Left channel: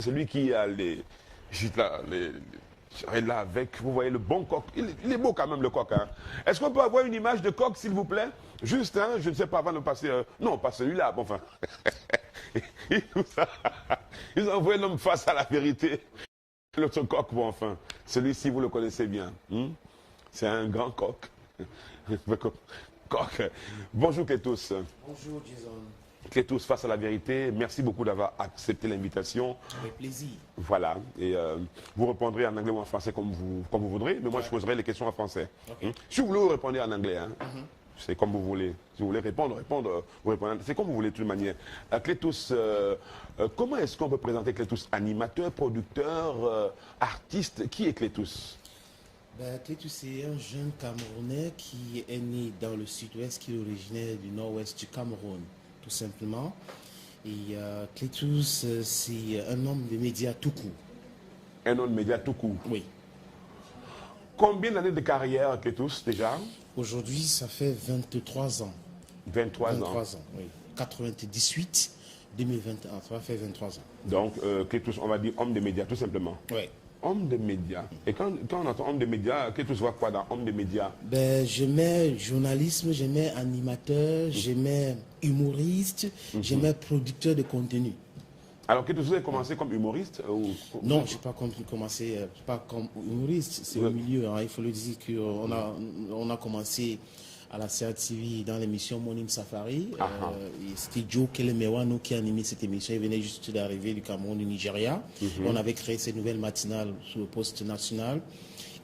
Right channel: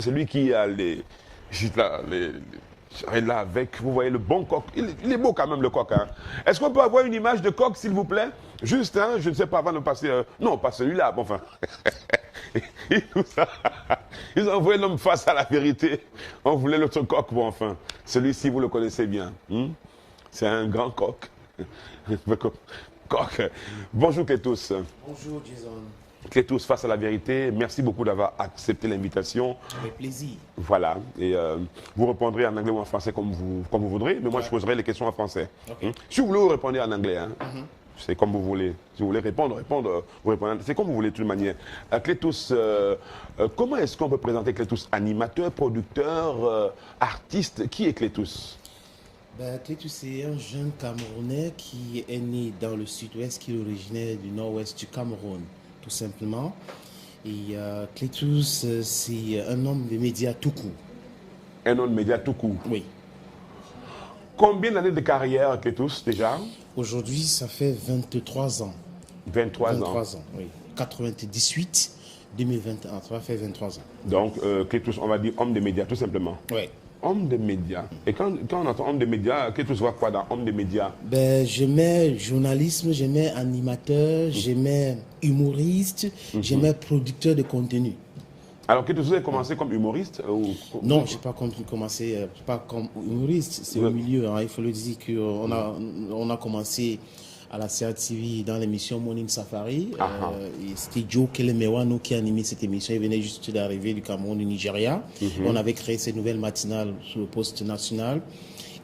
Celui qui a juste là, là avec, vous voyez le bon coq. Il est beau quand même le coq. Hein. Est-ce qu'on peut avoir une image de coq s'il vous plaît? Juste, hein, je ne sais pas avant de passer. Non, pas celui-là. Bon, enfin. Ils ont envoyé l'homme face à la vérité. On voulait l'autre coq. Bon, enfin. Celui-ci, vous le connaissez bien. C'est un grand coq. Coq. Bonjour tous. Bonjour Jason. Tous face à la vérité. Merci beaucoup d'avoir accepté l'invitation. Avec plaisir. Voilà. Et vous répondrez en anglais ou en français comme vous voudrez. Mais moi, je poserai les questions en français. Okay. Si vous voulez, vous répondez en anglais. Hein. C'est comme vous voulez. Si vous voulez répondre, vous répondez. C'est comme vous voulez de toute manière. Clétus, comment est-ce qu'on peut présenter Clétus? Animateur, producteur, artiste? Qui est Clétus? Clétus, c'est un jeune Camerounais qui est né dans le sud-ouest, qui est originaire du nord-ouest du Cameroun, tout simplement. Et Clétus, c'est un homme de médias tout court. Un homme de médias tout court? Oui. Combien d'années de carrière, Clétus, déjà? Aujourd'hui, ça fait 23 ans. 23 ans, oui. 98, 2021, ça va faire 23 ans. Donc, Clétus, on va dire homme de médias, tout simplement. Oui. Homme de médias. Et quand on entend homme de médias, Clétus voit quoi dans homme de médias? J'aimais journalisme, j'aimais animateur, j'aimais humoriste, j'aimais producteur de contenu. Alors, Clétus, vous avez commencé comme humoriste Non, je n'ai pas commencé pas comme humoriste. C'est au milieu, hein, il faut le dire qu'on a commencé à la CRTV dans l'émission Morning Safari. C'était Joe Kelemewano qui animait cette émission. Il venait juste d'arriver du Cameroun, du Nigeria. On avait créé cette nouvelle matinale sur le poste national.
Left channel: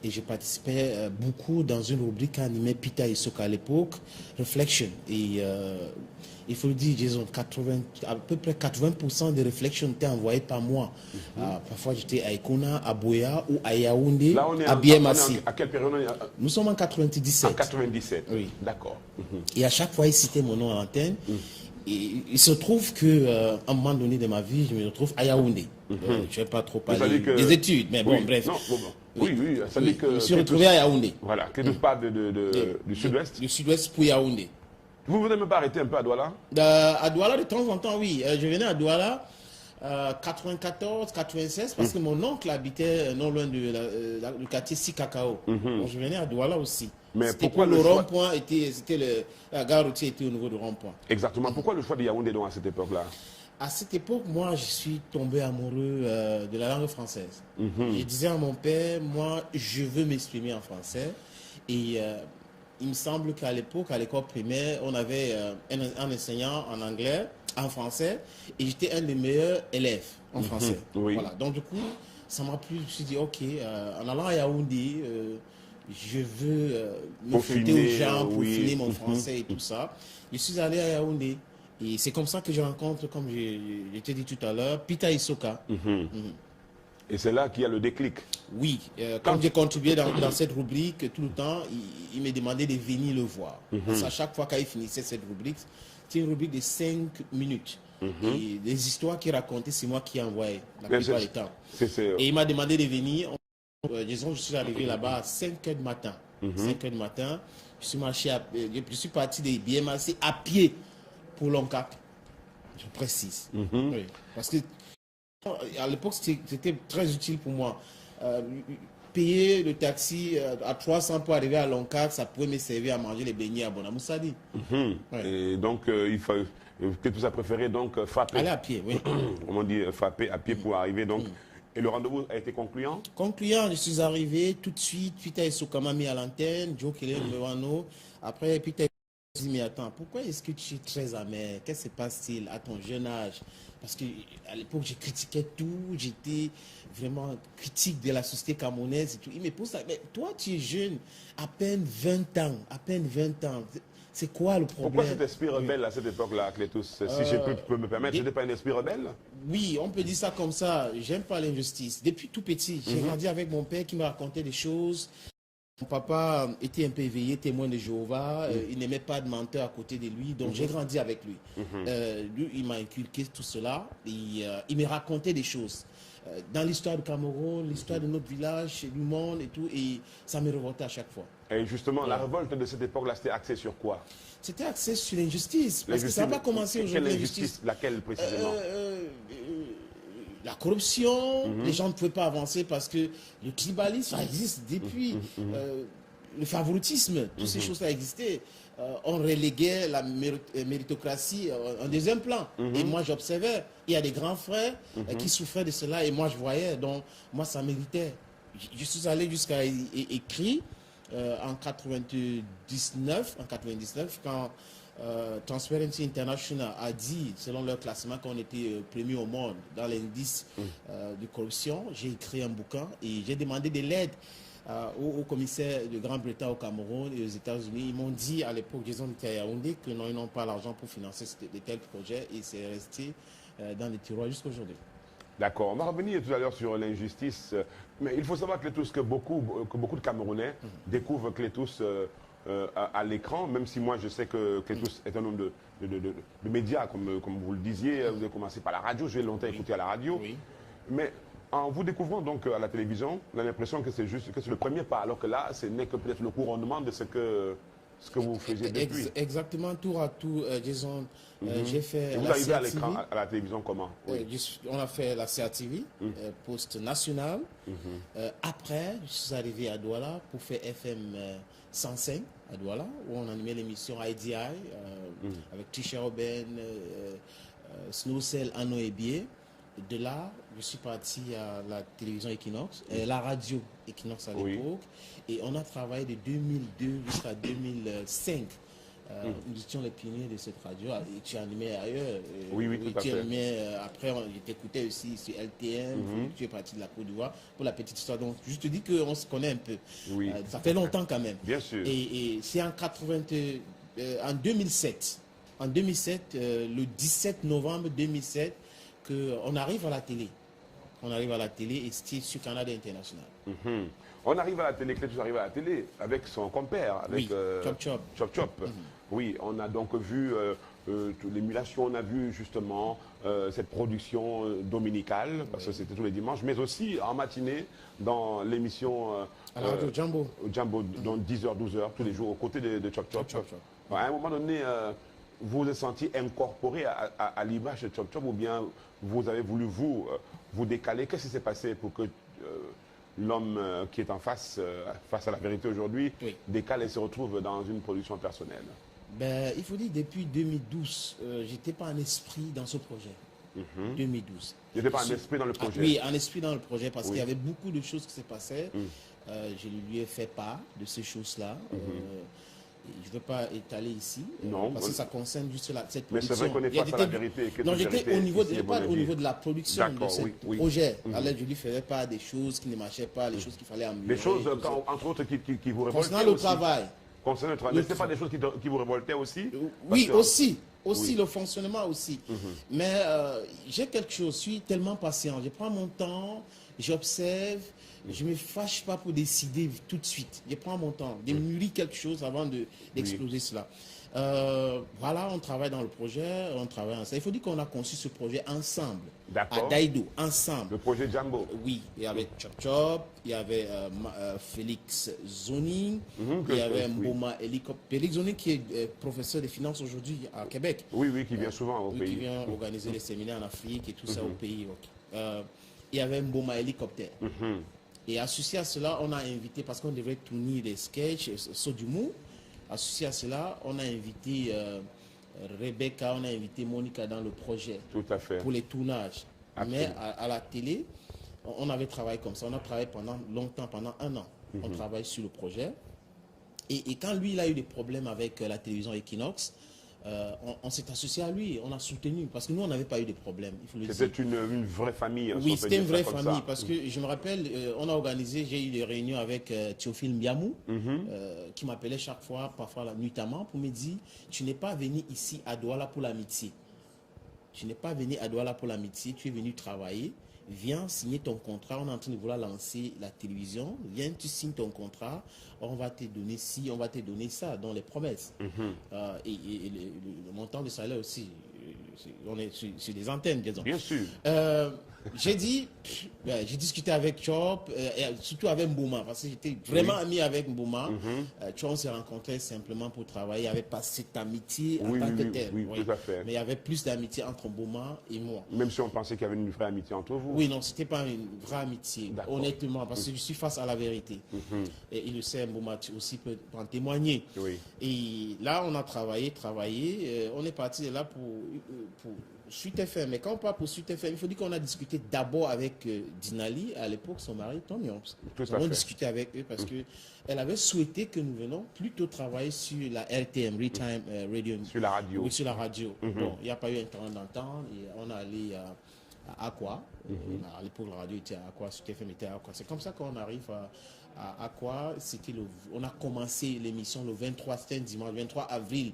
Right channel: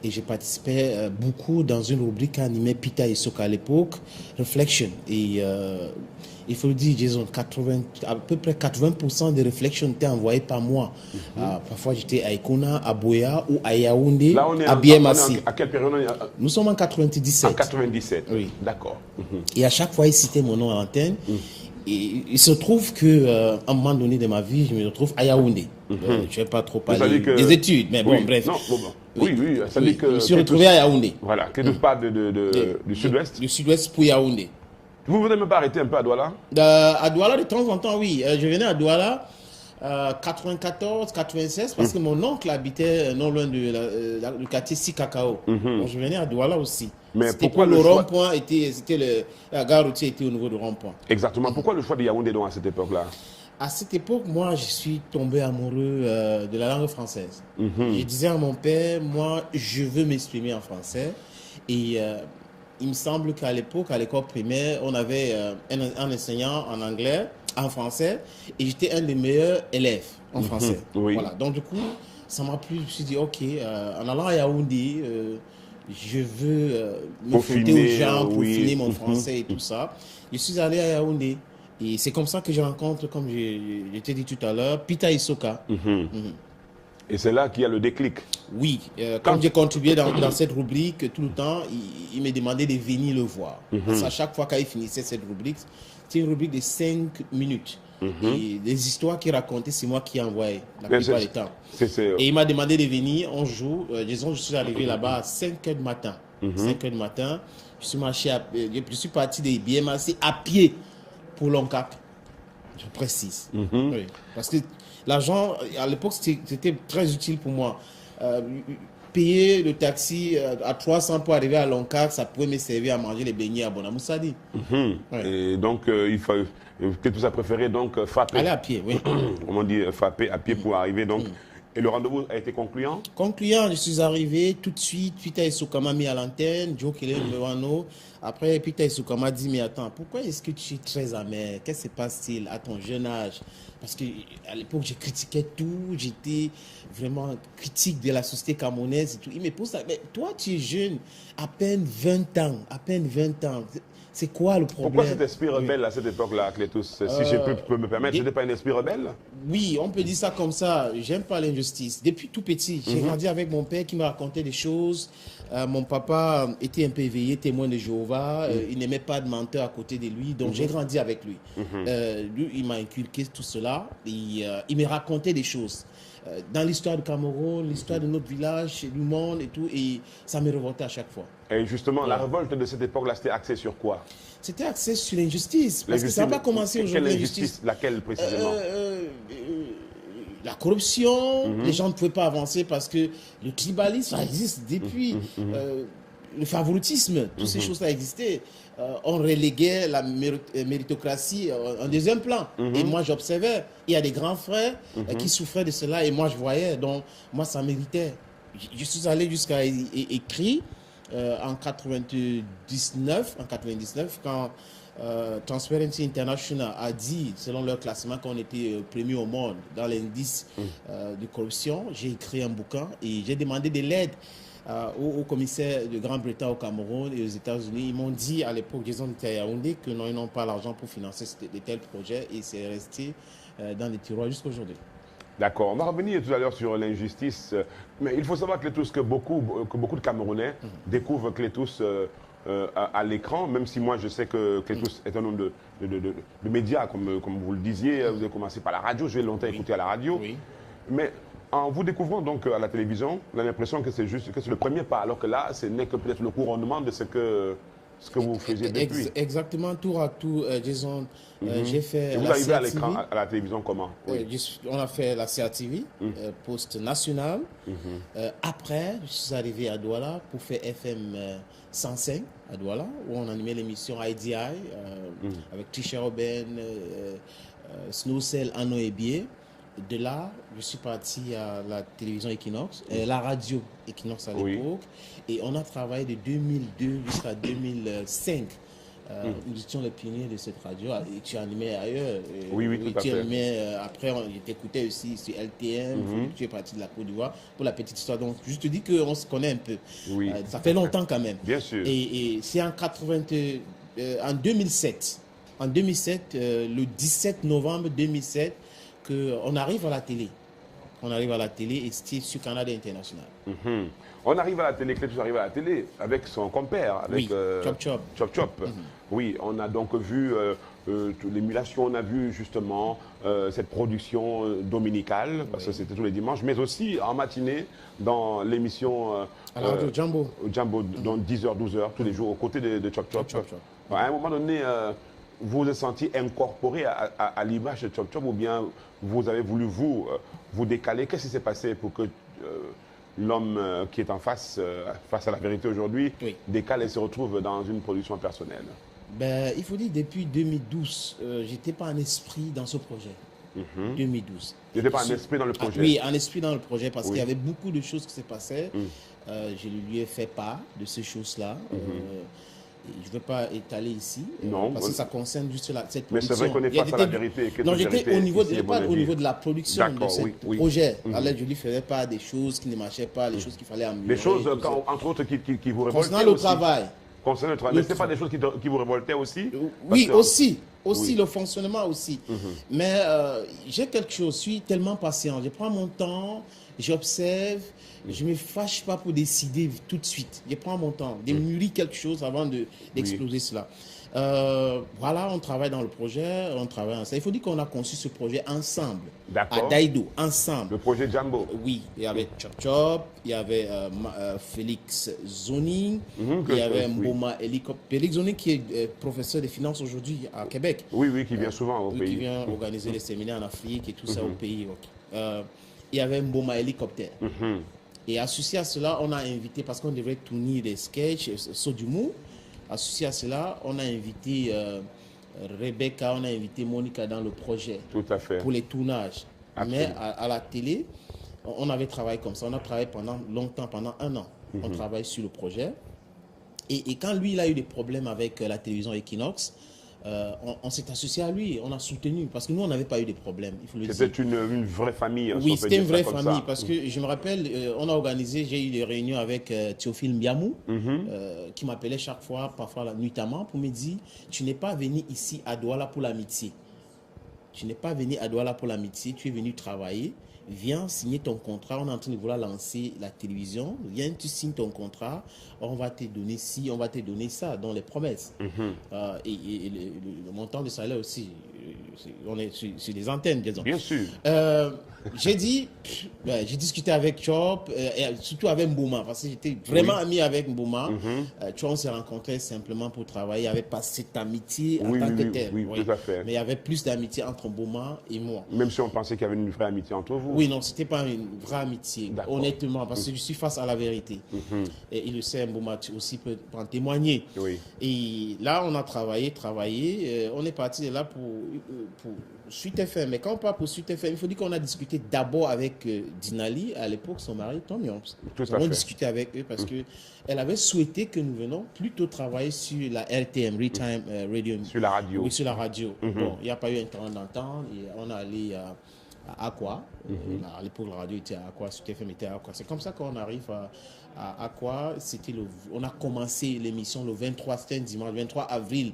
Et j'ai participé beaucoup dans une rubrique animée Peter Isoka à l'époque, Reflection. Et il faut le dire, Jason, à peu près 80% des réflexions étaient envoyées par moi. Parfois, j'étais à Ekona, à Boya ou à Yaoundé, à BMAC. À quelle période? Nous sommes en 97. En 97, oui. D'accord. Et à chaque fois, il citait mon nom à l'antenne. Et il se trouve qu'à un moment donné de ma vie, je me retrouve à Yaoundé. Je ne vais pas trop parler des études, mais bon, bref. Non, oui, ça dit que... Je me suis retrouvé à Yaoundé. Voilà, que tu parles du sud-ouest. Du sud-ouest pour Yaoundé. Vous ne voulez même pas arrêter un peu à Douala? À Douala, de temps en temps, oui. Je venais à Douala 94, 96, parce que mon oncle habitait non loin du quartier Sikakao. Donc je venais à Douala aussi. C'était pourquoi le rond-point la gare routière était au niveau du rond-point. Exactement. Pourquoi le choix de Yaoundé donc à cette époque-là? À cette époque, moi, je suis tombé amoureux de la langue française. Je disais à mon père, moi, je veux m'exprimer en français. Et il me semble qu'à l'époque, à l'école primaire, on avait un enseignant en anglais, en français, et j'étais un des meilleurs élèves en français. Voilà. Donc, du coup, ça m'a plu. Je me suis dit, OK, en allant à Yaoundé, je veux me frotter aux gens pour finir mon français et tout ça. Je suis allé à Yaoundé. Et c'est comme ça que je rencontre, comme je t'ai dit tout à l'heure, Peter Isoka. Et c'est là qu'il y a le déclic. Oui, quand j'ai contribué dans cette rubrique, tout le temps, il me demandait de venir le voir. Parce qu'à chaque fois qu'il finissait cette rubrique, c'était une rubrique de 5 minutes. Et les histoires qu'il racontait, c'est moi qui envoyais la plupart du temps. Et il m'a demandé de venir un jour. Disons, je suis arrivé là-bas à 5 heures du matin. 5 heures du matin, je suis parti de BMAC à pied pour Loncat. Je précise. Oui. Parce que l'argent, à l'époque, c'était très utile pour moi. Payer le taxi à 300 pour arriver à Loncat, ça pouvait me servir à manger les beignets à Bonamoussadi. Et donc, il faut que tu as préféré donc frapper. Aller à pied, oui. Comment dire, frapper à pied pour arriver. Donc, et le rendez-vous a été concluant? Concluant, je suis arrivé tout de suite. Peter Isoka m'a mis à l'antenne, Joe Kelemewano. Après, Peter Isoka m'a dit, mais attends, pourquoi est-ce que tu es très amer? Qu'est-ce qui se passe-t-il à ton jeune âge? Parce qu'à l'époque, je critiquais tout. J'étais vraiment critique de la société camerounaise et tout. Il me pose ça, mais toi, tu es jeune, à peine 20 ans, à peine 20 ans. C'est quoi le problème? Pourquoi cet esprit rebelle à cette époque-là, Clétus? Si je peux me permettre, c'était pas un esprit rebelle? Oui, on peut dire ça comme ça. J'aime pas l'injustice. Depuis tout petit, j'ai grandi avec mon père qui me racontait des choses. Mon papa était un peu éveillé, témoin de Jéhovah. Il n'aimait pas de menteur à côté de lui. Donc j'ai grandi avec lui. Lui, il m'a inculqué tout cela. Et, il me racontait des choses. Dans l'histoire du Cameroun, l'histoire de notre village, du monde et tout. Et ça me révoltait à chaque fois. Et justement, la révolte de cette époque-là, c'était axé sur quoi? C'était axé sur l'injustice. Parce que ça n'a pas commencé aujourd'hui. Quelle injustice? Laquelle précisément? la corruption, les gens ne pouvaient pas avancer parce que le tribalisme, ça existe depuis. Le favoritisme, toutes ces choses-là existaient. On reléguait la méritocratie en deuxième plan. Et moi, j'observais. Il y a des grands frères qui souffraient de cela et moi, je voyais. Donc, moi, ça méritait. Je suis allé jusqu'à écrire en 99, quand Transparency International a dit, selon leur classement, qu'on était premier au monde dans l'indice de corruption. J'ai écrit un bouquin et j'ai demandé de l'aide au commissaire de Grande-Bretagne au Cameroun et aux États-Unis. Ils m'ont dit à l'époque, Jason Yaoundé, que non, ils n'ont pas l'argent pour financer de tels projets et c'est resté dans les tiroirs jusqu'à aujourd'hui. D'accord. On va revenir tout à l'heure sur l'injustice. Mais il faut savoir, Clétous, que beaucoup de Camerounais découvrent Clétous à l'écran, même si moi je sais que Clétous est un homme de médias, comme vous le disiez. Vous avez commencé par la radio, j'ai longtemps écouté à la radio. Oui. Mais en vous découvrant donc à la télévision, on a l'impression que c'est le premier pas, alors que là, ce n'est que peut-être le couronnement de ce que vous faisiez depuis. Exactement, tour à tour, Jason. J'ai fait. Vous arrivez à l'écran, à la télévision comment? On a fait la CRTV, poste national. Après, je suis arrivé à Douala pour faire FM 105 à Douala, où on animait l'émission IDI avec Trisha Robin, Snowcell, Anno et Bier. De là, je suis parti à la télévision Equinox, la radio Equinox à l'époque, et on a travaillé de 2002 jusqu'à 2005. Nous étions les pionniers de cette radio, et tu animais ailleurs. Oui, tout à fait. Après, je t'écoutais aussi sur LTM, tu es parti de la Côte d'Ivoire, pour la petite histoire. Donc, je te dis qu'on se connaît un peu. Oui, ça fait longtemps quand même. Bien sûr. Et c'est en 2007. En 2007, le 17 novembre 2007, qu'on arrive à la télé. On arrive à la télé et c'est sur Canada International. On arrive à la télé, Clétous arrive à la télé avec son compère, avec Chop Chop. Oui, on a donc vu l'émulation, on a vu justement cette production dominicale, parce que c'était tous les dimanches, mais aussi en matinée dans l'émission à la radio Jambo. Jambo, dans 10h, 12h, tous les jours, aux côtés de Chop. À un moment donné, vous vous êtes senti incorporé à l'image de Chop ou bien vous avez voulu vous décaler? Qu'est-ce qui s'est passé pour que l'homme qui est en face à la vérité aujourd'hui décale et se retrouve dans une production personnelle? Il faut dire depuis 2012, j'étais pas en esprit dans ce projet. 2012. Vous n'étiez pas en esprit dans le projet? Oui, en esprit dans le projet parce qu'il y avait beaucoup de choses qui se passaient. Je lui ai fait part de ces choses-là. Je ne veux pas étaler ici, parce que ça concerne juste cette production. Mais c'est vrai qu'on est face à la vérité. Non, j'étais au niveau de la production de ce projet. Alors, je lui faisais pas des choses qui ne marchaient pas, les choses qu'il fallait améliorer. Des choses, entre autres, qui vous révoltaient concernant le travail. Concernant le travail. Mais ce n'est pas des choses qui vous révoltaient aussi? Oui, aussi. Aussi, le fonctionnement aussi. Mais j'ai quelque chose, je suis tellement patient. Je prends mon temps, j'observe. Je ne me fâche pas pour décider tout de suite. Je prends mon temps, de mûrir quelque chose avant d'exploser cela. Voilà, on travaille dans le projet, on travaille ensemble. Il faut dire qu'on a conçu ce projet ensemble, à Daïdo, ensemble. Le projet Jambo? Oui, il y avait Chop, il y avait Félix Zoning, il y avait Mboma Helicopter. Félix Zoning qui est professeur de finances aujourd'hui à Québec. Oui, qui vient souvent au pays. Qui vient organiser des séminaires en Afrique et tout ça au pays. Il y avait Mboma Helicopter. Et associé à cela, on a invité, parce qu'on devait tourner des sketchs, Sodumou. Associé à cela, on a invité Rebecca, on a invité Monica dans le projet. Tout à fait. Pour les tournages. Absolument. Mais à la télé, on avait travaillé comme ça. On a travaillé pendant longtemps, pendant 1 an. On travaille sur le projet. Et quand lui, il a eu des problèmes avec la télévision Equinox, on s'est associé à lui, on a soutenu, parce que nous, on n'avait pas eu de problèmes. C'était une vraie famille. Oui, c'était une vraie famille, parce que je me rappelle, on a organisé, j'ai eu des réunions avec Théophile Mbiamou, qui m'appelait chaque fois, parfois nuitamment, pour me dire, tu n'es pas venu ici à Douala pour l'amitié. Tu n'es pas venu à Douala pour l'amitié, tu es venu travailler. Viens signer ton contrat, on est en train de vouloir lancer la télévision, viens, tu signes ton contrat, on va te donner ci, on va te donner ça, dans les promesses. Et le montant de salaire aussi, on est sur les antennes, disons. Bien sûr. J'ai dit, j'ai discuté avec Chop, et surtout avec Mboma, parce que j'étais vraiment ami avec Mboma. Chop, on s'est rencontrés simplement pour travailler, il n'y avait pas cette amitié en tant que telle. Oui, tout à fait. Mais il y avait plus d'amitié entre Mboma et moi. Même si on pensait qu'il y avait une vraie amitié entre vous. Oui, non, c'était pas une vraie amitié, honnêtement, parce que je suis face à la vérité. Et il le sait, Mbouma aussi peut en témoigner. Oui. Et là, on a travaillé. On est parti de là pour Sud FM. Mais quand on parle pour Sud FM, il faut dire qu'on a discuté d'abord avec Dinali, à l'époque, son mari, Tom Yoms. Nous avons discuté avec eux parce qu'elle avait souhaité que nous venions plutôt travailler sur la RTM, Real-Time Radio. Sur la radio. Oui, sur la radio. Bon, il n'y a pas eu un temps d'entente. On est allé à Aqua. À l'époque, la radio était à Aqua, Sud FM était à Aqua. C'est comme ça qu'on arrive à Aqua. On a commencé l'émission le 23, c'était un dimanche, 23 avril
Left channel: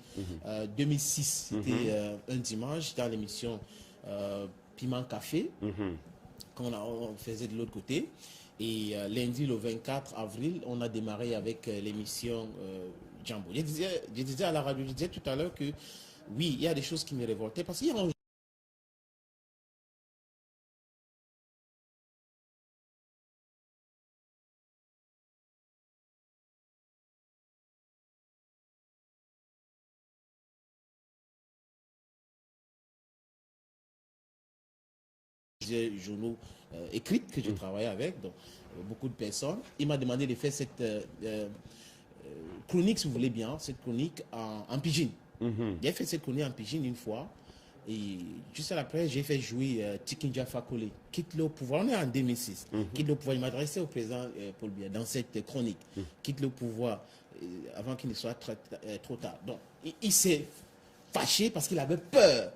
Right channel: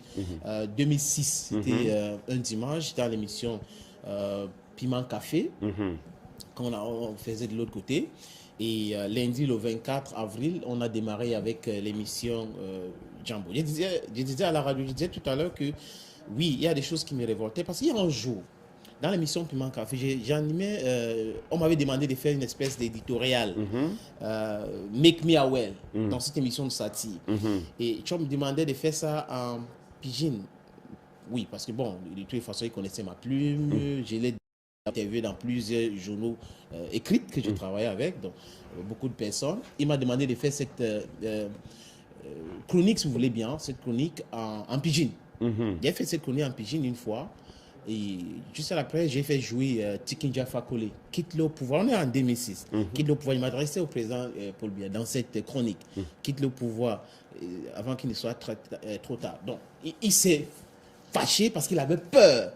2006. C'était un dimanche dans l'émission Piment Café, qu'on faisait de l'autre côté. Et lundi, le 24 avril, on a démarré avec l'émission Jambo. Je disais à la radio, je disais tout à l'heure que oui, il y a des choses qui me révoltaient parce qu'il y a un jour, dans l'émission Piment Café, j'animais, on m'avait demandé de faire une espèce d'éditorial, Make Me Aware, dans cette émission de satire. Et tu me demandait de faire ça en pidgin. Oui, parce que bon, de toute façon, il connaissait ma plume, je l'ai interviewé dans plusieurs journaux écrits que je travaillais avec, donc beaucoup de personnes. Il m'a demandé de faire cette chronique, si vous voulez bien, cette chronique en pidgin. J'ai fait cette chronique en pidgin une fois. Et juste après, j'ai fait jouer Tikinja Fakole, Quitte le pouvoir. On est en 2006. Quitte le pouvoir. Il m'adressait au président Paul Biya dans cette chronique. Quitte le pouvoir avant qu'il ne soit trop tard. Donc, il s'est fâché parce qu'il avait peur.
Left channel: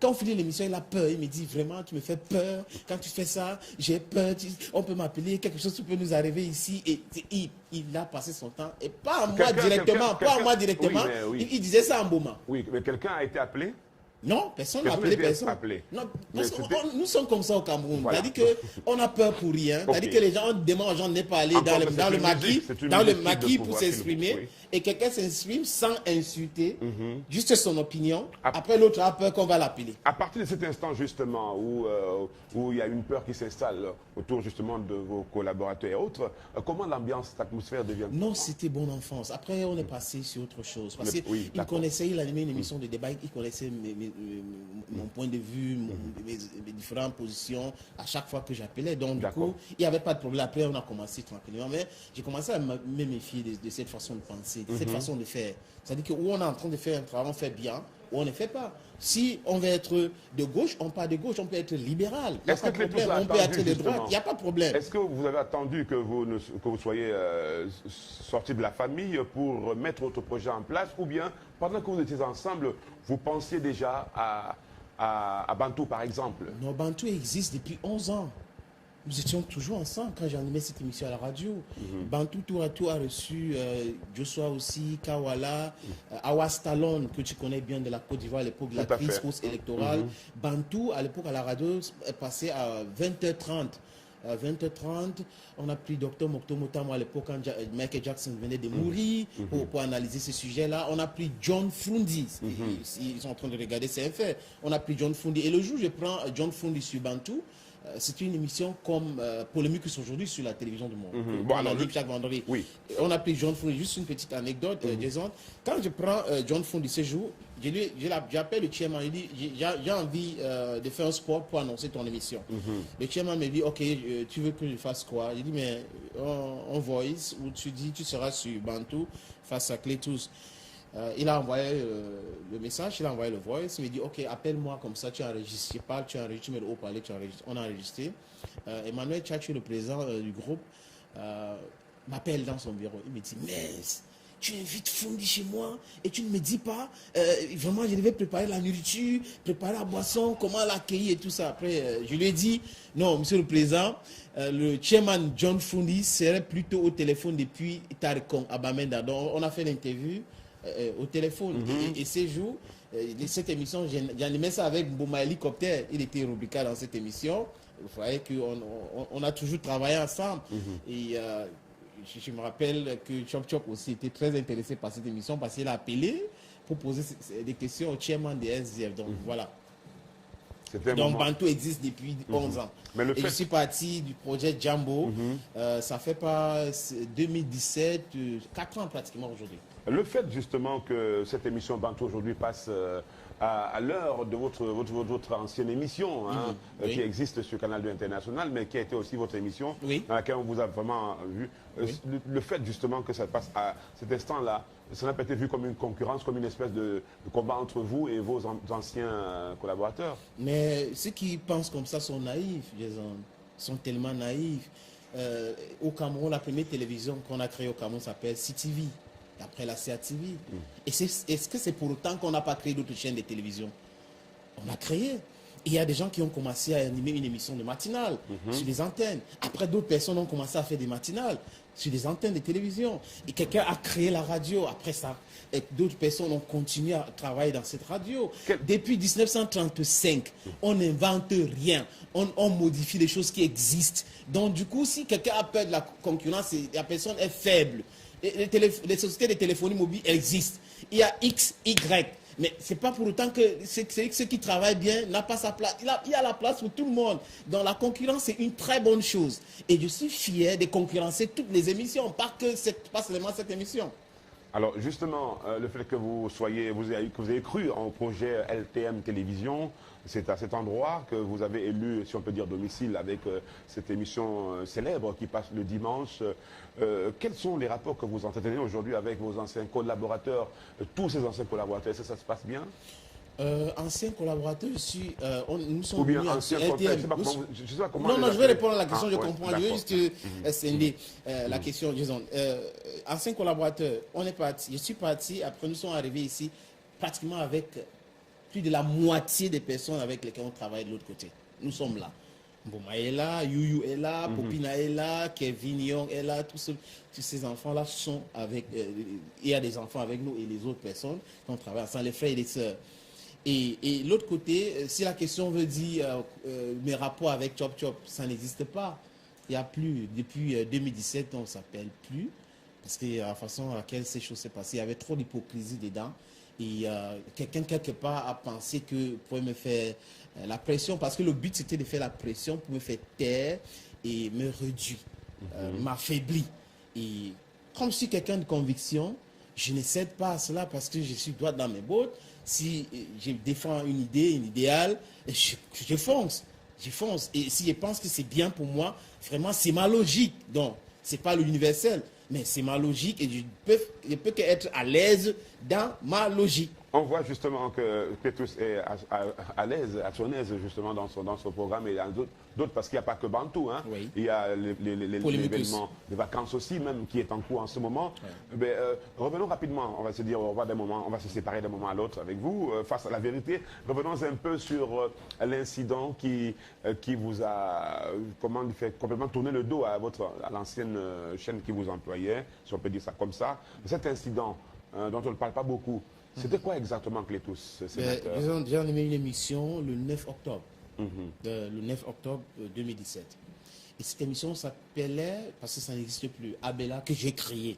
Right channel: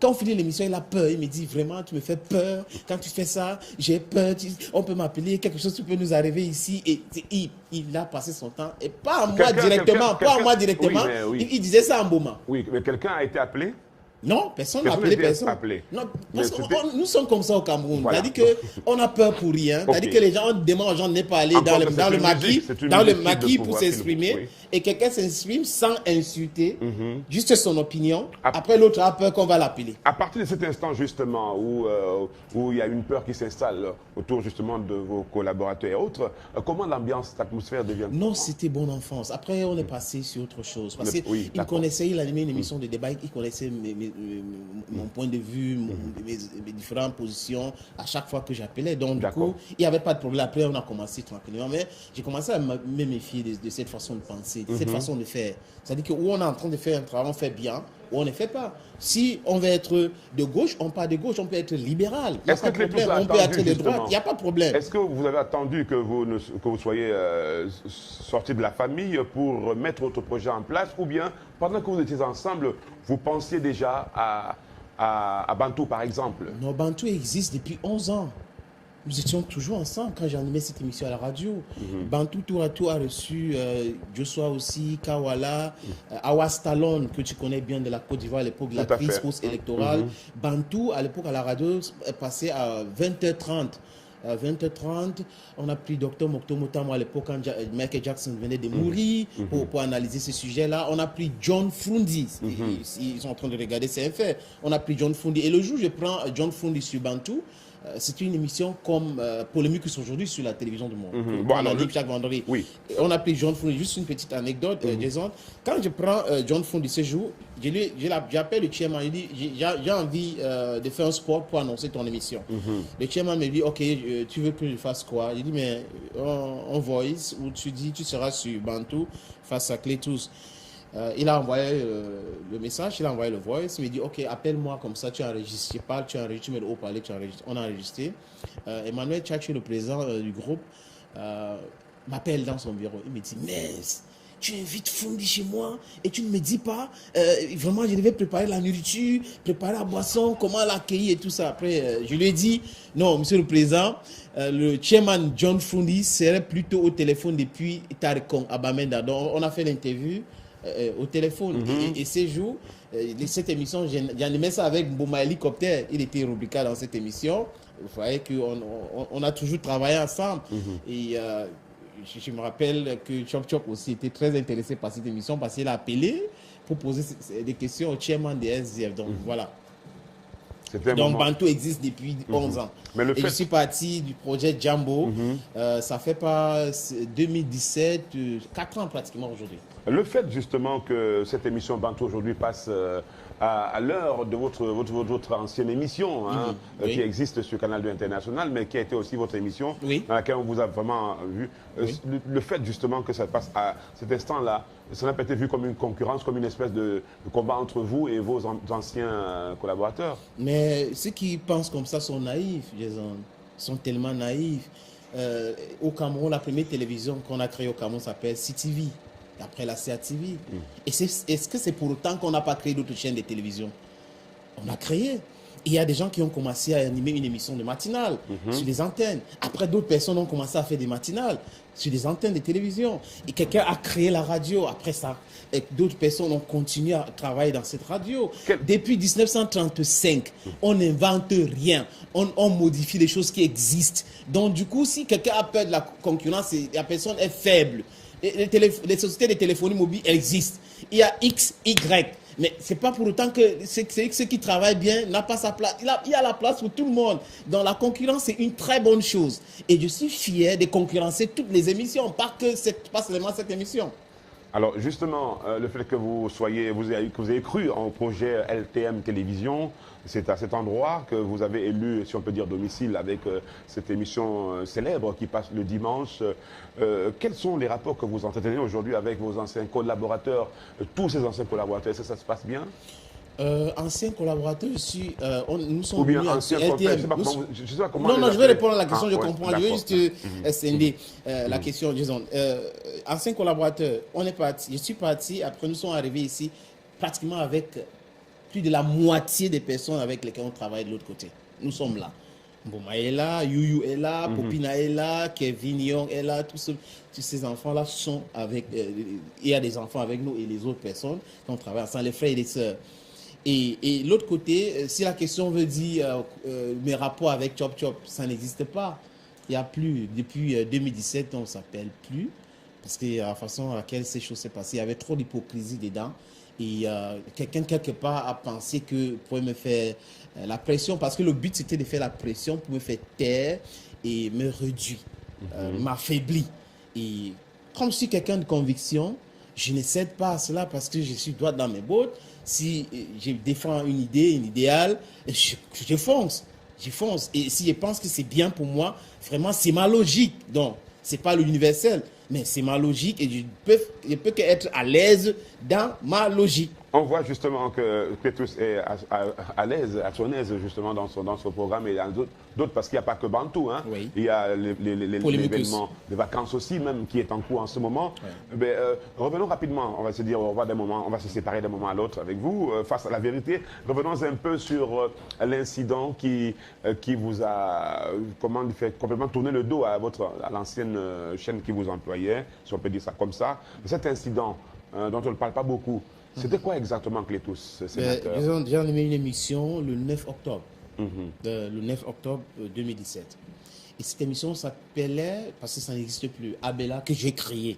Quand on finit l'émission, il a peur. Il me dit vraiment, tu me fais peur. Quand tu fais ça, j'ai peur. On peut m'appeler, quelque chose qui peut nous arriver ici. Et il a passé son temps. Et pas à moi directement. Oui. Il disait ça en Boma. Oui, mais quelqu'un a été appelé? Non, personne n'a appelé personne. Non, parce que nous sommes comme ça au Cameroun. Voilà. C'est-à-dire qu'on a peur pour rien. C'est-à-dire que les gens, on demande aux gens de ne pas aller dans le maquis pour s'exprimer. Oui. Et quelqu'un s'exprime sans insulter, juste son opinion. Après, l'autre a peur qu'on va l'appeler. À partir de cet instant, justement, où il y a une peur qui s'installe autour, justement, de vos collaborateurs et autres, comment l'ambiance, l'atmosphère devient? Non, c'était bonne enfance. Après, on est passé sur autre chose. Parce qu'il connaissait, il animait une émission de débat, il connaissait mon point de vue, mes différentes positions à chaque fois que j'appelais. Donc, du coup, il n'y avait pas de problème. Après, on a commencé tranquillement. Mais j'ai commencé à me méfier de cette façon de penser, de cette façon de faire. C'est-à-dire que où on est en train de faire un travail, on fait bien, ou on ne fait pas. Si on veut être de gauche, on part de gauche, on peut être libéral. Est-ce que on peut être de droite, il n'y a pas de problème. Est-ce que vous avez attendu que vous soyez sorti de la famille pour mettre votre projet en place, ou bien pendant que vous étiez ensemble, vous pensiez déjà à Bantou, par exemple? Non, Bantou existe depuis 11 ans. Nous étions toujours ensemble quand j'animais cette émission à la radio. Bantou tour à tour a reçu Joshua aussi, Kawala, Awas Talon, que tu connais bien de la Côte d'Ivoire à l'époque de la crise post-électorale. Bantou, à l'époque à la radio, est passé à 20h30. À 20h30, on a pris Dr Mokto Motamo à l'époque quand Michael Jackson venait de mourir pour analyser ce sujet-là. On a pris John Fundi. Ils sont en train de regarder, c'est un fait. On a pris John Fundi. Et le jour où je prends John Fundi sur Bantou, c'est une émission comme Polémique aujourd'hui sur la télévision du monde. On a dit chaque vendredi. Oui. On a pris John Fundi. Juste une petite anecdote, Jason. Quand je prends John Fundi ce jour, j'appelle le chairman. Il dit j'ai envie de faire un sport pour annoncer ton émission. Le chairman me dit ok, tu veux que je fasse quoi? Il dit mais on voice où tu dis tu seras sur Bantou face à Clétus. Il a envoyé le message, il a envoyé le voice, il me dit ok, appelle-moi comme ça, tu enregistres, je parle, tu enregistres, tu mets le haut-parleur, tu enregistres. On a enregistré. Emmanuel Tchatchou, le président du groupe, m'appelle dans son bureau. Il me dit mais tu invites Fundi chez moi et tu ne me dis pas vraiment je devais préparer la nourriture, préparer la boisson, comment l'accueillir et tout ça. Après je lui ai dit non monsieur le président, le chairman John Fundi serait plutôt au téléphone depuis Tarikon à Bamenda. Donc on a fait l'interview au téléphone. Et ces jours, cette émission, j'animais ça avec Bouma Hélicoptère. Il était rubricaire dans cette émission. Vous voyez qu'on a toujours travaillé ensemble. Et je me rappelle que Chop Chop aussi était très intéressé par cette émission parce qu'il a appelé pour poser des questions au chairman des SDF. Donc voilà. Donc Bantou existe depuis 11 ans. Mais je suis parti du projet Jambo. Ça fait pas 2017, 4 ans pratiquement aujourd'hui. Le fait justement que cette émission Bantou aujourd'hui passe à l'heure de votre ancienne émission, hein, oui. qui existe sur Canal 2 International, mais qui a été aussi votre émission, oui. dans laquelle on vous a vraiment vu. Oui. Le fait justement que ça passe à cet instant-là, ça n'a pas été vu comme une concurrence, comme une espèce de combat entre vous et vos anciens collaborateurs. Mais ceux qui pensent comme ça sont naïfs, Jason. Sont tellement naïfs. Au Cameroun, la première télévision qu'on a créée au Cameroun s'appelle CTV. Après la CATV. Et est-ce que c'est pour autant qu'on n'a pas créé d'autres chaînes de télévision? On a créé. Il y a des gens qui ont commencé à animer une émission de matinale sur les antennes. Après, d'autres personnes ont commencé à faire des matinales sur les antennes de télévision. Et quelqu'un a créé la radio. Après ça, d'autres personnes ont continué à travailler dans cette radio. Depuis 1935, on n'invente rien. On modifie les choses qui existent. Donc, du coup, si quelqu'un a peur de la concurrence, la personne est faible. Les sociétés de téléphonie mobile existent. Il y a X, Y. Mais ce n'est pas pour autant que ceux qui travaillent bien n'a pas sa place. Il y a la place pour tout le monde. Donc la concurrence, c'est une très bonne chose. Et je suis fier de concurrencer toutes les émissions, pas seulement cette émission. Alors justement, le fait que vous ayez cru en projet LTM Télévision, c'est à cet endroit que vous avez élu, si on peut dire, domicile avec cette émission célèbre qui passe le dimanche. Quels sont les rapports que vous entretenez aujourd'hui avec vos anciens collaborateurs, tous ces anciens collaborateurs? Est-ce que ça se passe bien? Anciens collaborateurs, nous sommes ou bien venus anciens LTM. je sais pas comment Non, je vais répondre à la question, je comprends. Je vais juste d'accord. scinder la question, Jason. Anciens collaborateurs, je suis parti, après nous sommes arrivés ici pratiquement avec plus de la moitié des personnes avec lesquelles on travaille de l'autre côté. Nous sommes là. Boma est là, Youyou est là, Popina est là, Kevin Young est là, tous ces enfants-là sont avec... il y a des enfants avec nous et les autres personnes qui ont travaillé ensemble, les frères et les sœurs. Et l'autre côté, si la question veut dire mes rapports avec Chop Chop, ça n'existe pas. Il n'y a plus. Depuis 2017, on ne s'appelle plus. Parce que la façon à laquelle ces choses s'est passées, il y avait trop d'hypocrisie dedans. Et quelqu'un, quelque part, a pensé que pouvait me faire la pression. Parce que le but, c'était de faire la pression pour me faire taire et me réduire, m'affaiblir. Et comme je suis quelqu'un de conviction, je ne cède pas à cela parce que je suis droit dans mes bottes. Si je défends une idée, un idéal, je fonce. Je fonce. Et si je pense que c'est bien pour moi, vraiment, c'est ma logique. Donc, ce n'est pas l'universel, mais c'est ma logique et je peux qu'être à l'aise dans ma logique. On voit justement que Clétus est à l'aise, à son aise justement dans son programme et dans d'autres parce qu'il n'y a pas que Bantou. Hein. Oui. Il y a l'événement de vacances aussi même qui est en cours en ce moment. Oui. Mais, revenons rapidement, on va se dire au revoir d'un moment, on va se séparer d'un moment à l'autre avec vous face à la vérité. Revenons un peu sur l'incident qui vous a fait complètement tourner le dos à l'ancienne chaîne qui vous employait, si on peut dire ça comme ça. Cet incident dont on ne parle pas beaucoup. C'était quoi exactement, Clétus? J'ai animé une émission le 9 octobre. Le 9 octobre 2017. Et cette émission s'appelait, parce que ça n'existe plus, Abella, que j'ai créé.